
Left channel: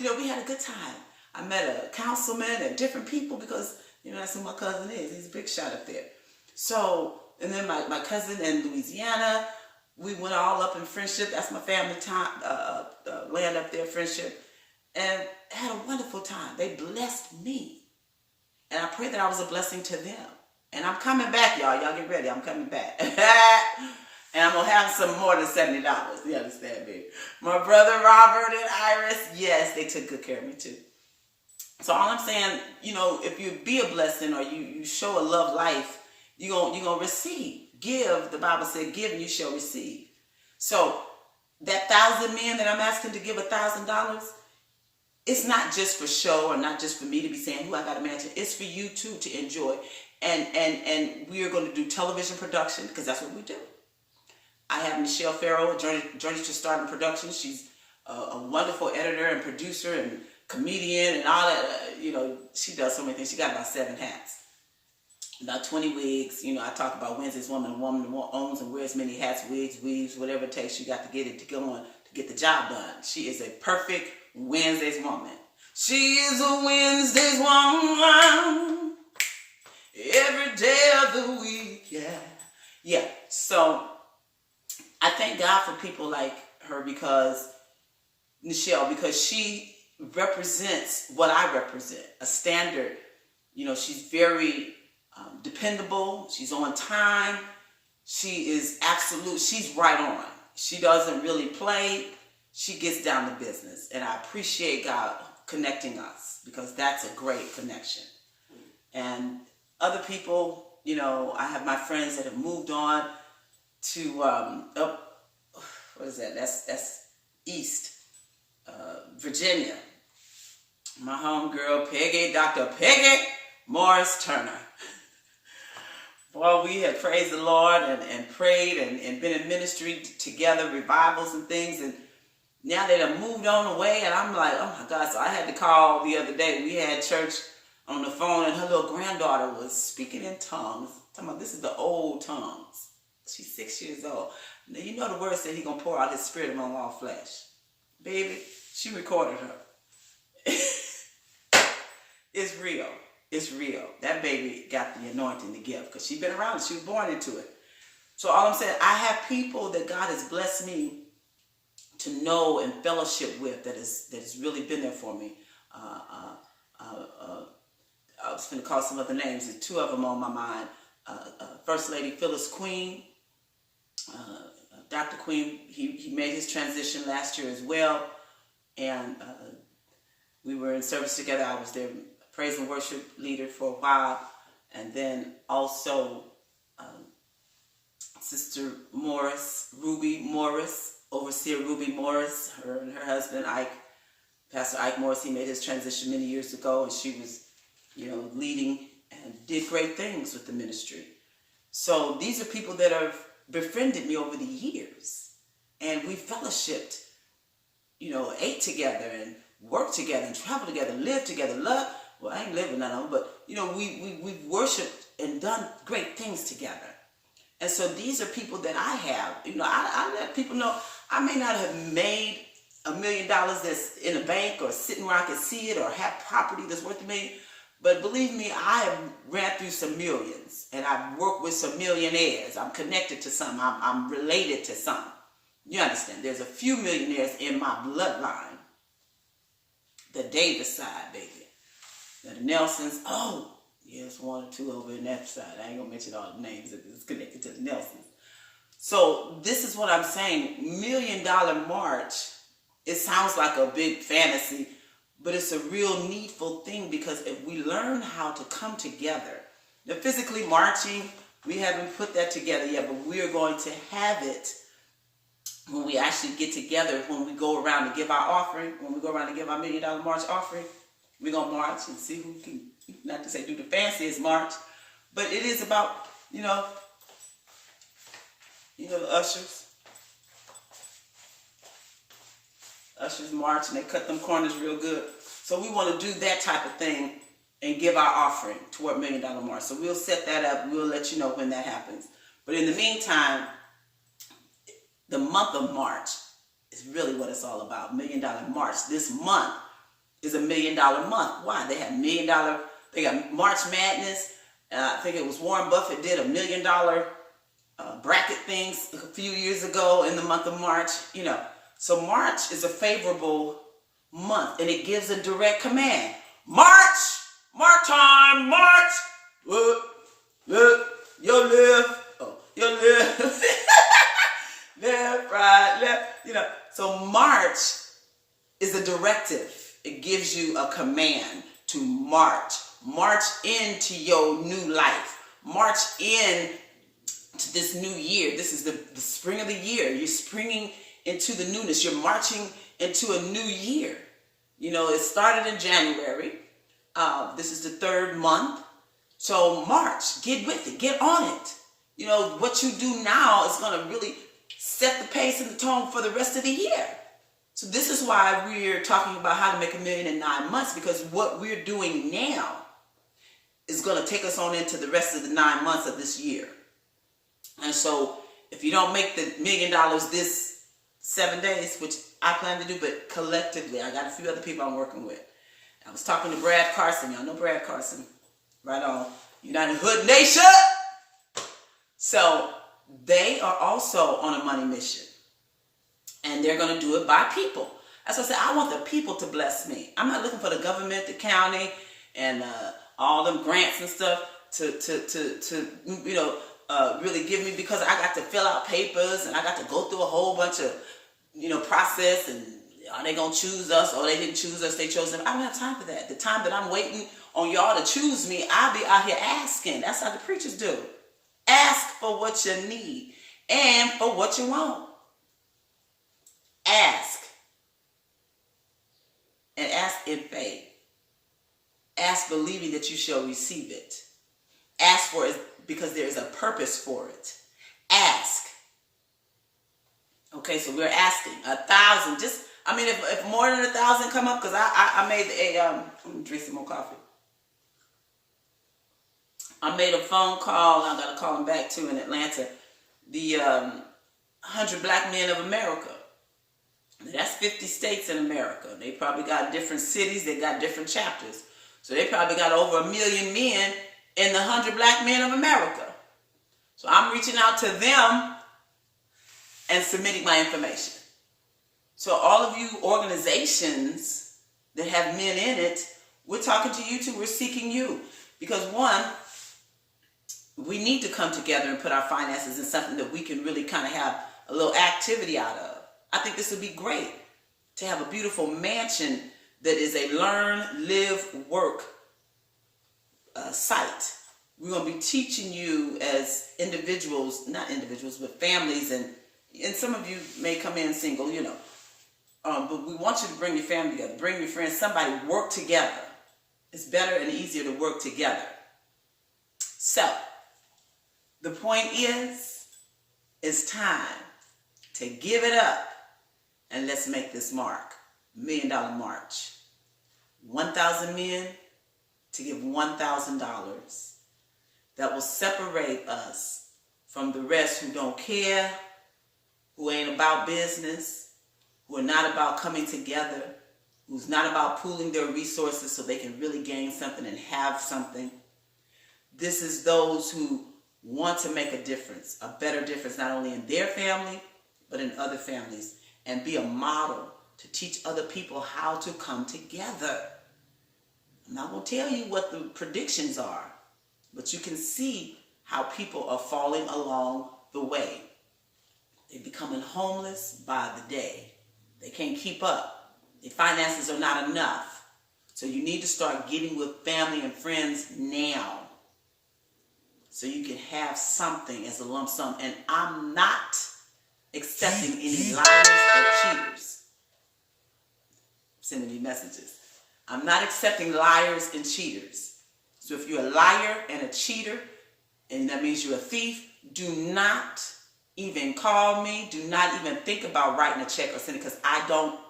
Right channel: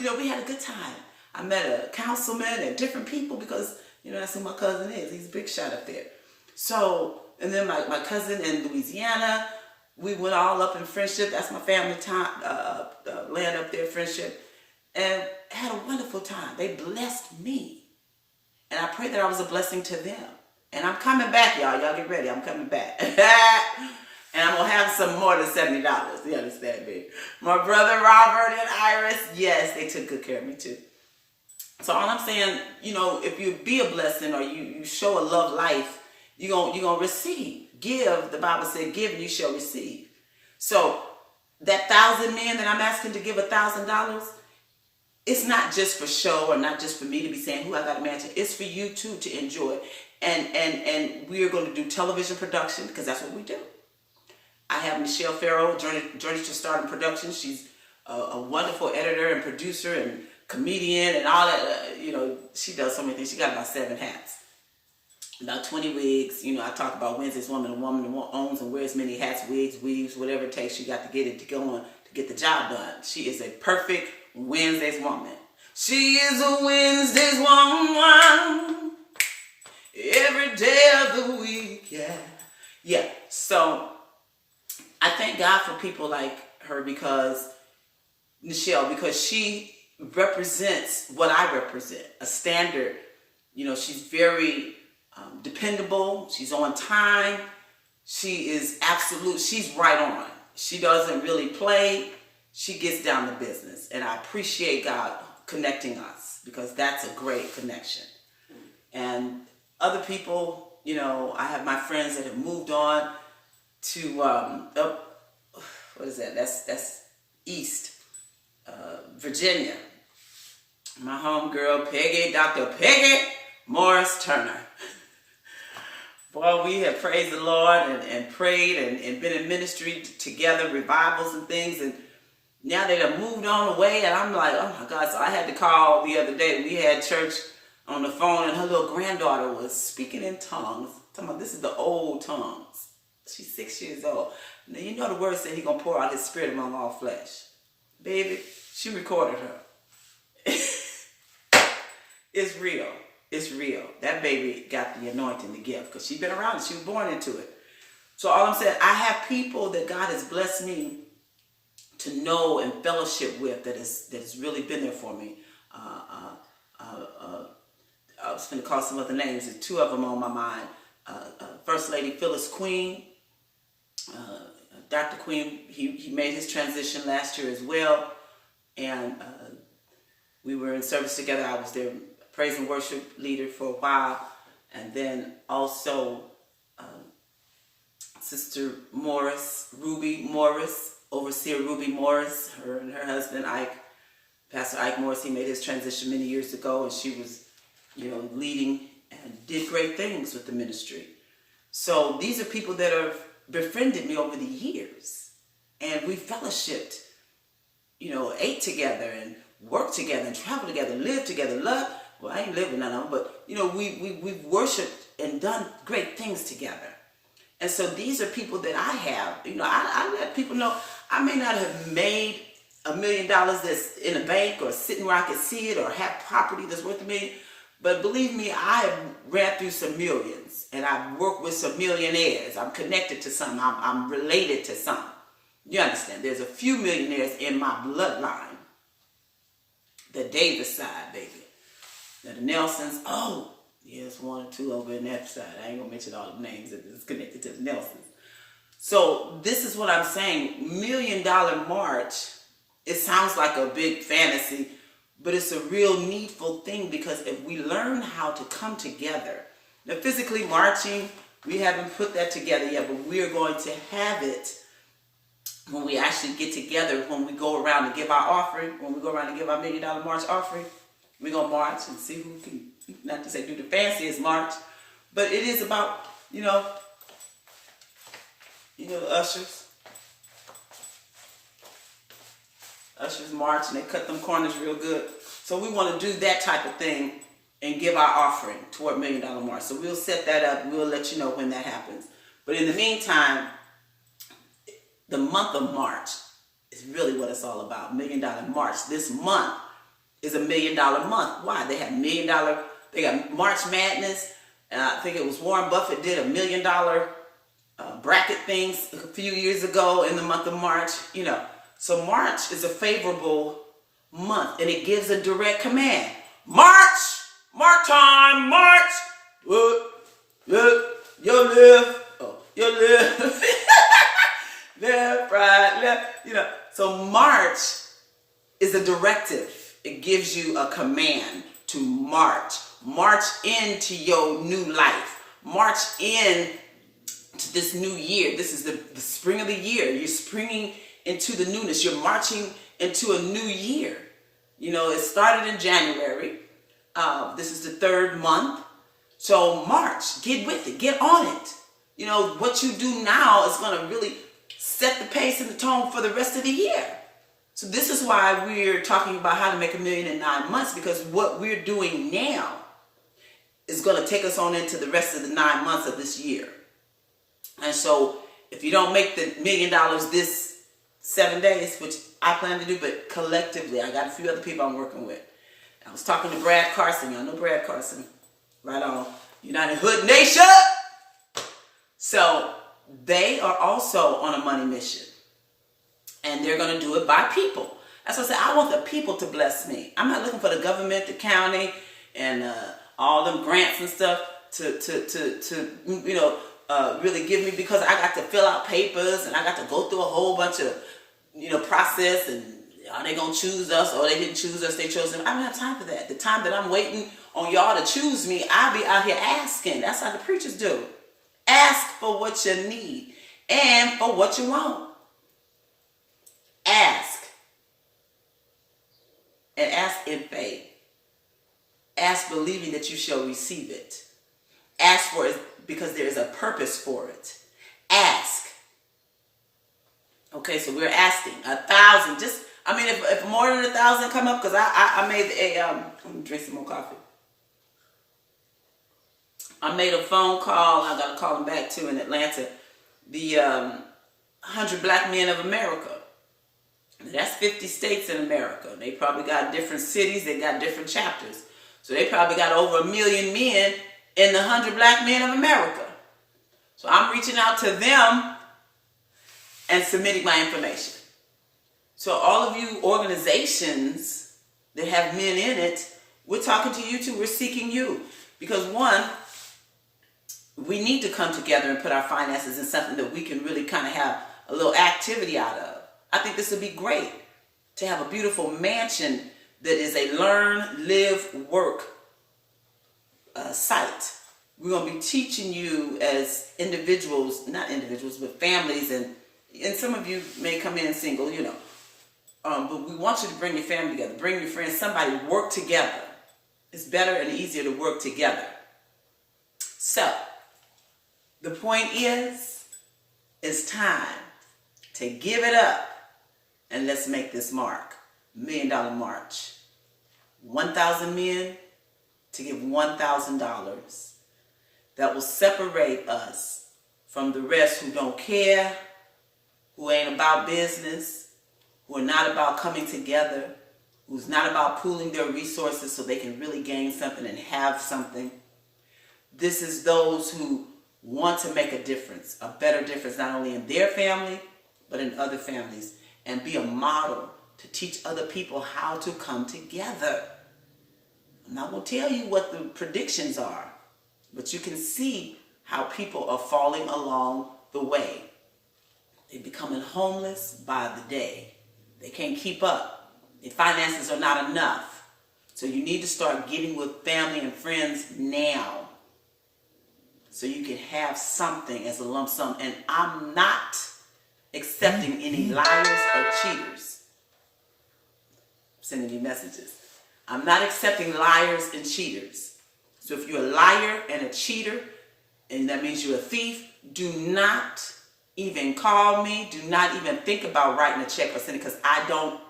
We had a good time. I met a councilman and different people because, that's who my cousin is. He's a big shot up there. So, and then my cousin in Louisiana, we went all up in Friendship. That's my family time, land up there, Friendship. And had a wonderful time. They blessed me. And I pray that I was a blessing to them. And I'm coming back, y'all. Y'all get ready. I'm coming back. And I'm going to have some more than $70. You understand me? My brother Robert and Iris, yes, they took good care of me too. So all I'm saying, if you be a blessing or you show a love life, you're gonna receive. Give, the Bible said, give and you shall receive. So that 1,000 men that I'm asking to give $1,000, it's not just for show or not just for me to be saying, who I got to mansion. It's for you too to enjoy. And we are going to do television production because that's what we do. I have Michelle Farrow, Journey to Stardom Productions. She's a wonderful editor and producer and comedian and all that. She does so many things. She got about 7 hats, about 20 wigs. I talk about Wednesday's Woman, a woman who owns and wears many hats, wigs, weaves, whatever it takes. She got to get it to go on to get the job done. She is a perfect Wednesday's woman. She is a Wednesday's woman every day of the week. Yeah. So I thank God for people like her Michelle, because she represents what I represent, a standard. She's very dependable. She's on time. She is absolute. She's right on. She doesn't really play. She gets down to business. And I appreciate God connecting us because that's a great connection. And other people, I have my friends that have moved on to, what is that? That's East Virginia. My homegirl, Dr. Peggy Morris Turner. Boy, we have praised the Lord and prayed and been in ministry together, revivals and things, and now they done moved on away, and I'm like, oh my God. So I had to call the other day. We had church on the phone, and her little granddaughter was speaking in tongues. I'm talking about, this is the old tongues. She's 6 years old. Now, the word said He's going to pour out His Spirit among all flesh. Baby, she recorded her. It's real. It's real. That baby got the anointing, the gift, because she's been around it. She was born into it. So all I'm saying, I have people that God has blessed me to know and fellowship with that has really been there for me. I was going to call some other names. There's 2 of them on my mind. First Lady Phyllis Queen. Dr. Queen, he made his transition last year as well. And we were in service together. I was their praise and worship leader for a while. And then also Sister Morris, Ruby Morris, Overseer Ruby Morris, her and her husband, Pastor Ike Morris, he made his transition many years ago, and she was, leading and did great things with the ministry. So these are people that have befriended me over the years, and we fellowshipped, ate together and worked together and traveled together, lived together, loved. Well, I ain't lived with none of them, but we've worshipped and done great things together. And so these are people that I have. I let people know I may not have made $1 million that's in a bank or sitting where I can see it or have property that's worth $1 million. But believe me, I have ran through some millions, and I've worked with some millionaires. I'm connected to some. I'm related to some. You understand? There's a few millionaires in my bloodline. The Davis side, baby. Now the Nelsons, yes, 1 or 2 over in that side. I ain't gonna mention all the names that is connected to the Nelsons. So this is what I'm saying. $1 Million March, it sounds like a big fantasy, but it's a real needful thing, because if we learn how to come together, now physically marching, we haven't put that together yet, but we're going to have it when we actually get together, when we go around and give our offering, when we go around and give our $1 Million March offering. We're going to march and see who can, not to say do the fanciest march, but it is about, the ushers. Ushers march and they cut them corners real good. So we want to do that type of thing and give our offering toward $1 Million March. So we'll set that up. We'll let you know when that happens. But in the meantime, the month of March is really what it's all about. $1 Million March. This month is $1 million month. Why? They have $1 million. They got March Madness. I think it was Warren Buffett did $1 million bracket things a few years ago in the month of March. So March is a favorable month, and it gives a direct command. March time, march. Look, you live. Left, right, left. So March is a directive. It gives you a command to march. March into your new life. March in to this new year. This is the spring of the year. You're springing into the newness. You're marching into a new year. It started in January. This is the third month. So March, get with it. Get on it. What you do now is going to really set the pace and the tone for the rest of the year. So this is why we're talking about how to make $1 million in 9 months, because what we're doing now is going to take us on into the rest of the 9 months of this year. And so if you don't make the $1 million this 7 days, which I plan to do, but collectively, I got a few other people I'm working with. I was talking to Brad Carson. Y'all know Brad Carson. Right on. United Hood Nation. So they are also on a money mission. And they're going to do it by people. That's what I said. I want the people to bless me. I'm not looking for the government, the county, and all them grants and stuff to really give me, because I got to fill out papers and I got to go through a whole bunch of, process, and are they going to choose us, or they didn't choose us, they chose them. I don't have time for that. The time that I'm waiting on y'all to choose me, I'll be out here asking. That's how the preachers do. Ask for what you need and for what you want. Ask. And ask in faith. Ask believing that you shall receive it. Ask for it because there is a purpose for it. Ask. Okay, so we're asking 1,000. If more than 1,000 come up, because I made let me drink some more coffee. I made a phone call. I got to call them back too in Atlanta. The 100 Black Men of America. That's 50 states in America. They probably got different cities. They got different chapters. So they probably got over 1 million men in the 100 Black Men of America. So I'm reaching out to them and submitting my information. So all of you organizations that have men in it, we're talking to you too. We're seeking you. Because one, we need to come together and put our finances in something that we can really kind of have a little activity out of. I think this would be great to have a beautiful mansion that is a learn, live, work site. We're going to be teaching you as individuals, not individuals, but families, and some of you may come in single, but we want you to bring your family together, bring your friends, somebody, work together. It's better and easier to work together. So, the point is, it's time to give it up. And let's make this mark. $1 Million March. 1,000 men to give $1,000. That will separate us from the rest who don't care, who ain't about business, who are not about coming together, who's not about pooling their resources so they can really gain something and have something. This is those who want to make a difference, a better difference, not only in their family, but in other families. And be a model to teach other people how to come together. I'm not going to tell you what the predictions are, but you can see how people are falling along the way. They're becoming homeless by the day. They can't keep up. Their finances are not enough. So you need to start getting with family and friends now, so you can have something as a lump sum. And I'm not accepting any liars or cheaters. I'm sending you messages. I'm not accepting liars and cheaters. So if you're a liar and a cheater, and that means you're a thief, do not even call me. Do not even think about writing a check or sending, because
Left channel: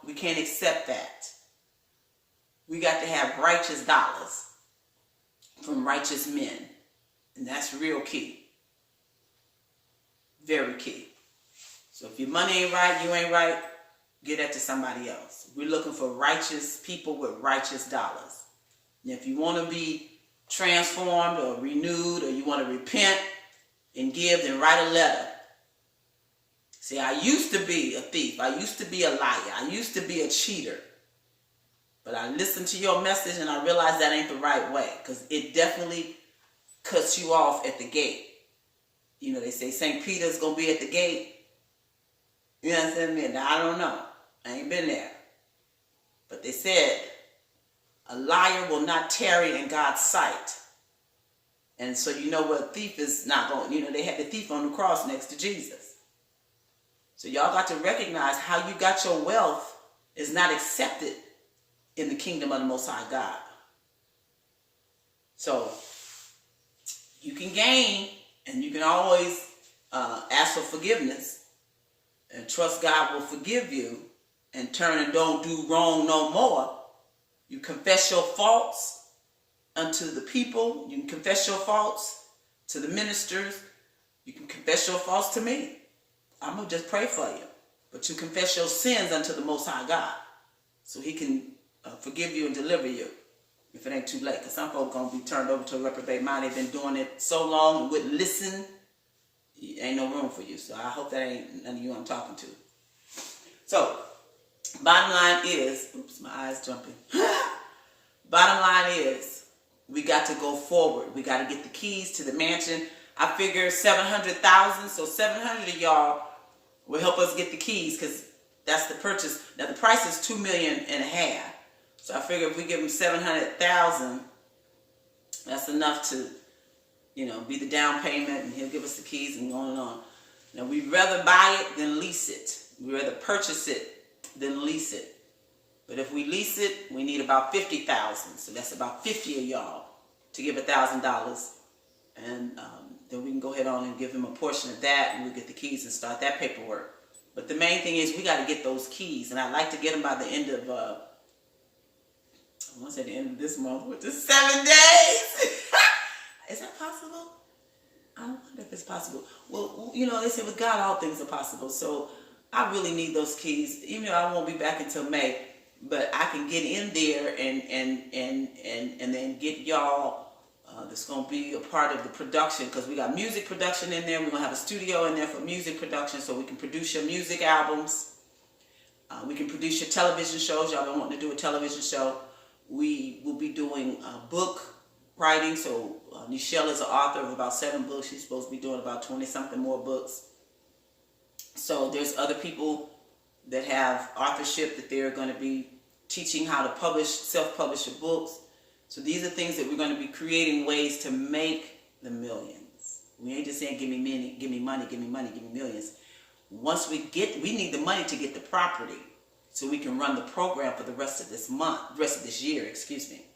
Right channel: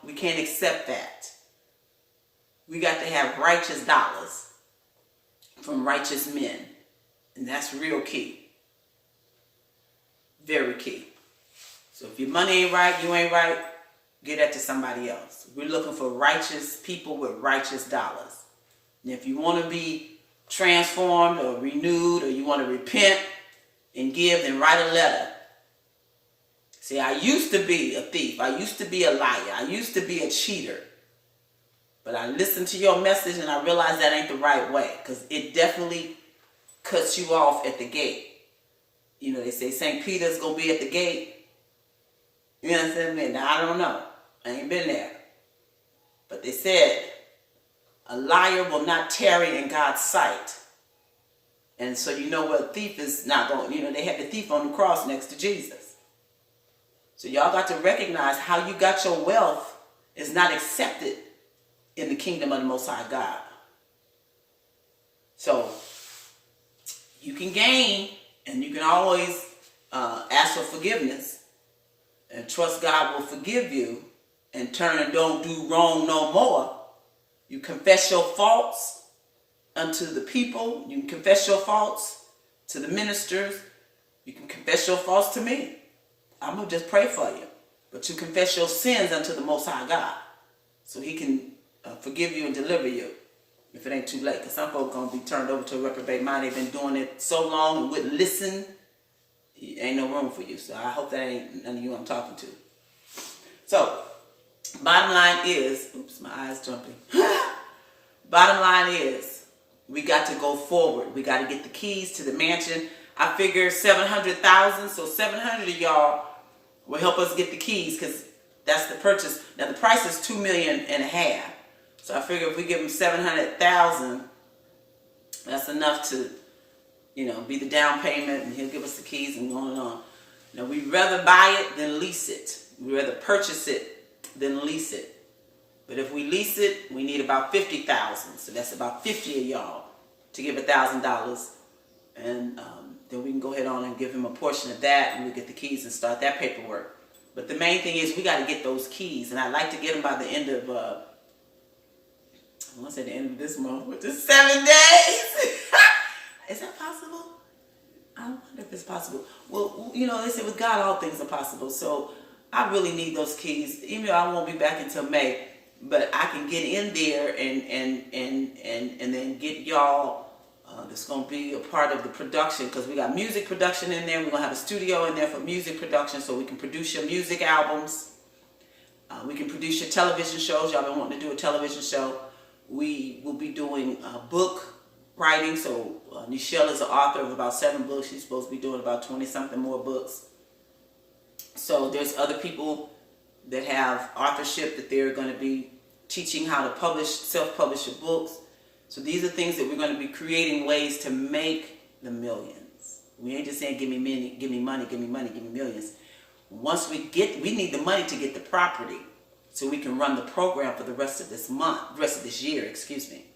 we can't accept that. We got to have righteous dollars. from righteous men. And that's real key. Very key. So if your money ain't right, you ain't right, give that to somebody else. We're looking for righteous people with righteous dollars. And if you want to be transformed or renewed, or you want to repent and give, then write a letter. See, I used to be a thief. I used to be a liar. I used to be a cheater. But I listened to your message and I realized that ain't the right way, because it definitely cuts you off at the gate. You know, they say St. Peter's going to be at the gate. You know what I'm saying? Now, I don't know. I ain't been there. But they said, a liar will not tarry in God's sight. And so you know what, a thief is not going, you know, they had the thief on the cross next to Jesus. So y'all got to recognize how you got your wealth is not accepted in the kingdom of the Most High God. So you can gain, and you can always ask for forgiveness and trust God will forgive you and turn and don't do wrong no more. You confess your faults unto the people. You can confess your faults to the ministers. You can confess your faults to me. I'm going to just pray for you. But you confess your sins unto the Most High God, so he can forgive you and deliver you if it ain't too late. Because some folks going to be turned over to a reprobate mind. They've been doing it so long and wouldn't listen. Ain't no room for you. So I hope that ain't none of you I'm talking to. So, bottom line is, oops, my eyes jumping. Bottom line is, we got to go forward. We got to get the keys to the mansion. I figure 700,000, so 700 of y'all will help us get the keys, because that's the purchase. Now the price is $2.5 million. So I figure if we give them 700,000, that's enough to, you know, be the down payment, and he'll give us the keys and on and on. Now we'd rather buy it than lease it. We'd rather purchase it than lease it. But if we lease it, we need about 50,000. So that's about 50 of y'all to give $1,000. And then we can go ahead on and give him a portion of that, and we'll get the keys and start that paperwork. But the main thing is we got to get those keys. And I'd like to get them by the end of, I want to say the end of this month, which is 7 days. Is that possible? I don't wonder if it's possible. Well, you know, they say with God all things are possible. So I really need those keys. Even though I won't be back until May, but I can get in there and then get y'all that's going to be a part of the production, because we got music production in there. We're going to have a studio in there for music production, so we can produce your music albums. We can produce your television shows. Y'all been wanting to do a television show. We will be doing book writing. So Nichelle is an author of about 7 books. She's supposed to be doing about 20-something more books. So there's other people that have authorship that they're going to be teaching how to publish, self-publish your books. So these are things that we're going to be creating ways to make the millions. We ain't just saying give me money, give me money, give me money, give me millions. Once we need the money to get the property, so we can run the program for the rest of this year, excuse me.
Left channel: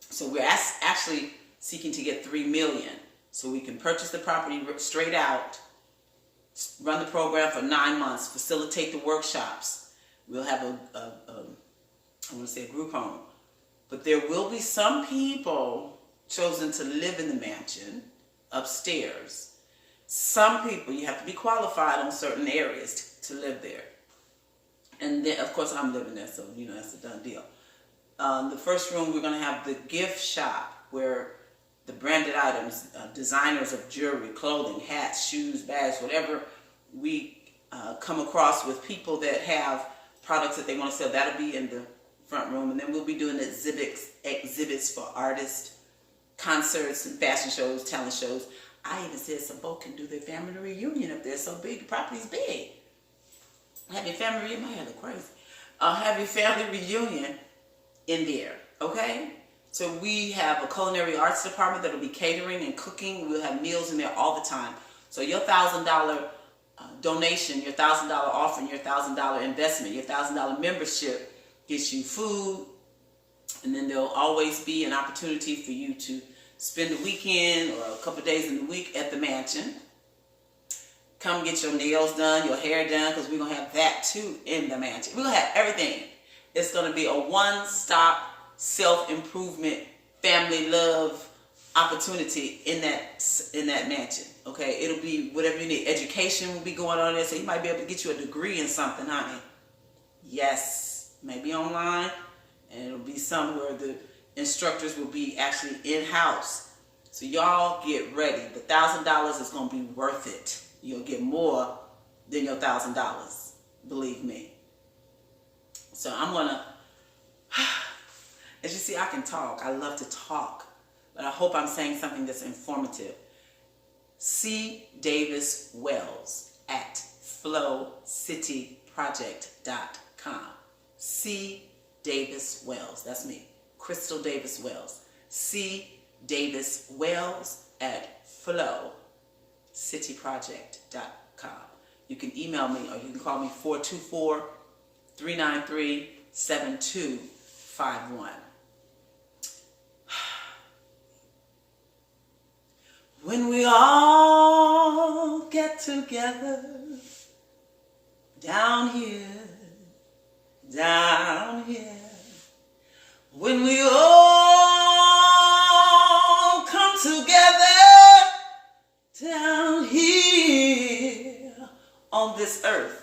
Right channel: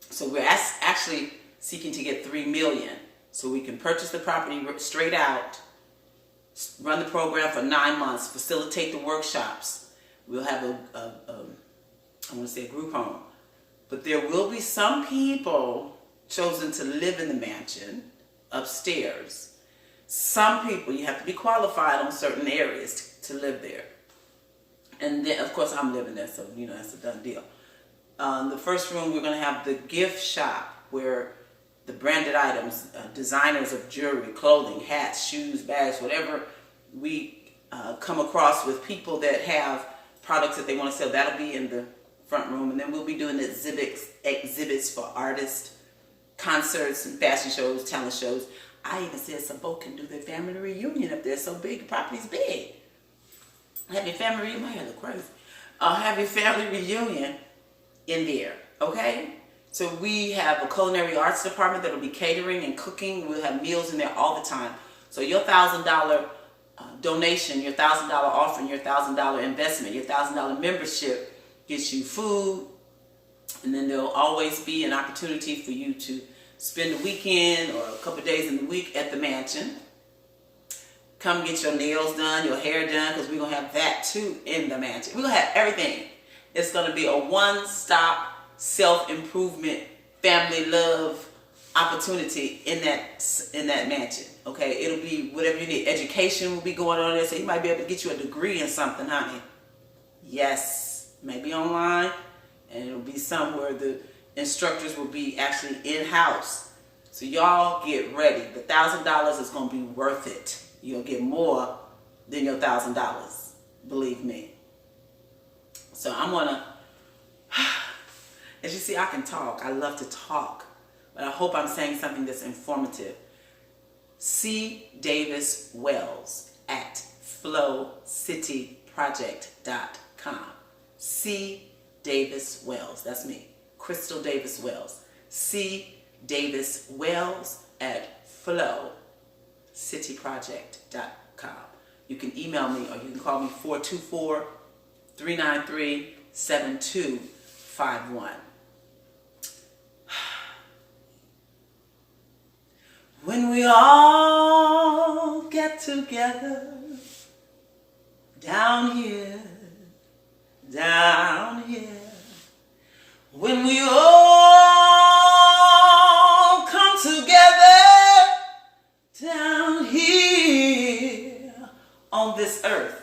So we're actually seeking to get $3 million, so we can purchase the property straight out, run the program for 9 months, facilitate the workshops. We'll have I want to say a group home. But there will be some people chosen to live in the mansion upstairs. Some people, you have to be qualified on certain areas to live there. And then, of course, I'm living there, so, you know, that's a done deal. The first room, we're going to have the gift shop, where the branded items, designers of jewelry, clothing, hats, shoes, bags, whatever we come across with people that have products that they want to sell, that'll be in the front room. And then we'll be doing exhibits for artists, concerts and fashion shows, talent shows. I even said some folk can do their family reunion up there. So big, the property's big. Have your family reunion, my hair look crazy. Have your family reunion in there, okay? So we have a culinary arts department that'll be catering and cooking. We'll have meals in there all the time. So your $1,000 donation, your $1,000 offering, your $1,000 investment, your $1,000 membership gets you food, and then there'll always be an opportunity for you to spend a weekend or a couple of days in the week at the mansion. Come get your nails done, your hair done, because we're going to have that too in the mansion. We're going to have everything. It's going to be a one-stop self-improvement family love opportunity in that mansion. Okay, it'll be whatever you need. Education will be going on there, so you might be able to get you a degree in something, honey. Yes, maybe online, and it'll be somewhere the instructors will be actually in-house. So y'all get ready. The $1,000 is going to be worth it. You'll get more than your $1,000. Believe me. So I'm going to, as you see, I can talk. I love to talk. But I hope I'm saying something that's informative. C. Davis Wells at flowcityproject.com. C. Davis Wells. That's me. Crystal Davis Wells. C. Davis Wells at flowcityproject.com. You can email me or you can call me 424-393-7251. When we all get together down here, when we all come together down here on this earth,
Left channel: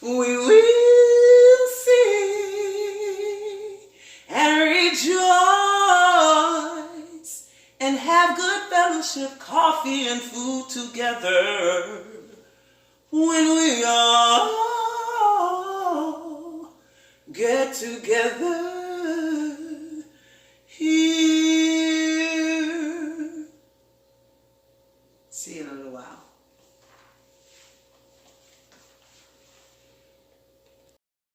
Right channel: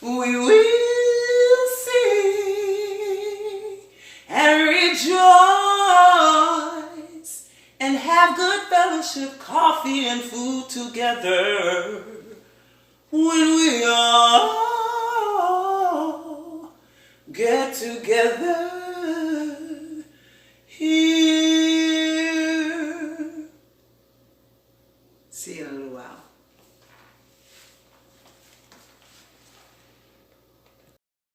we will sing and rejoice and have good fellowship, coffee and food together. When we all get together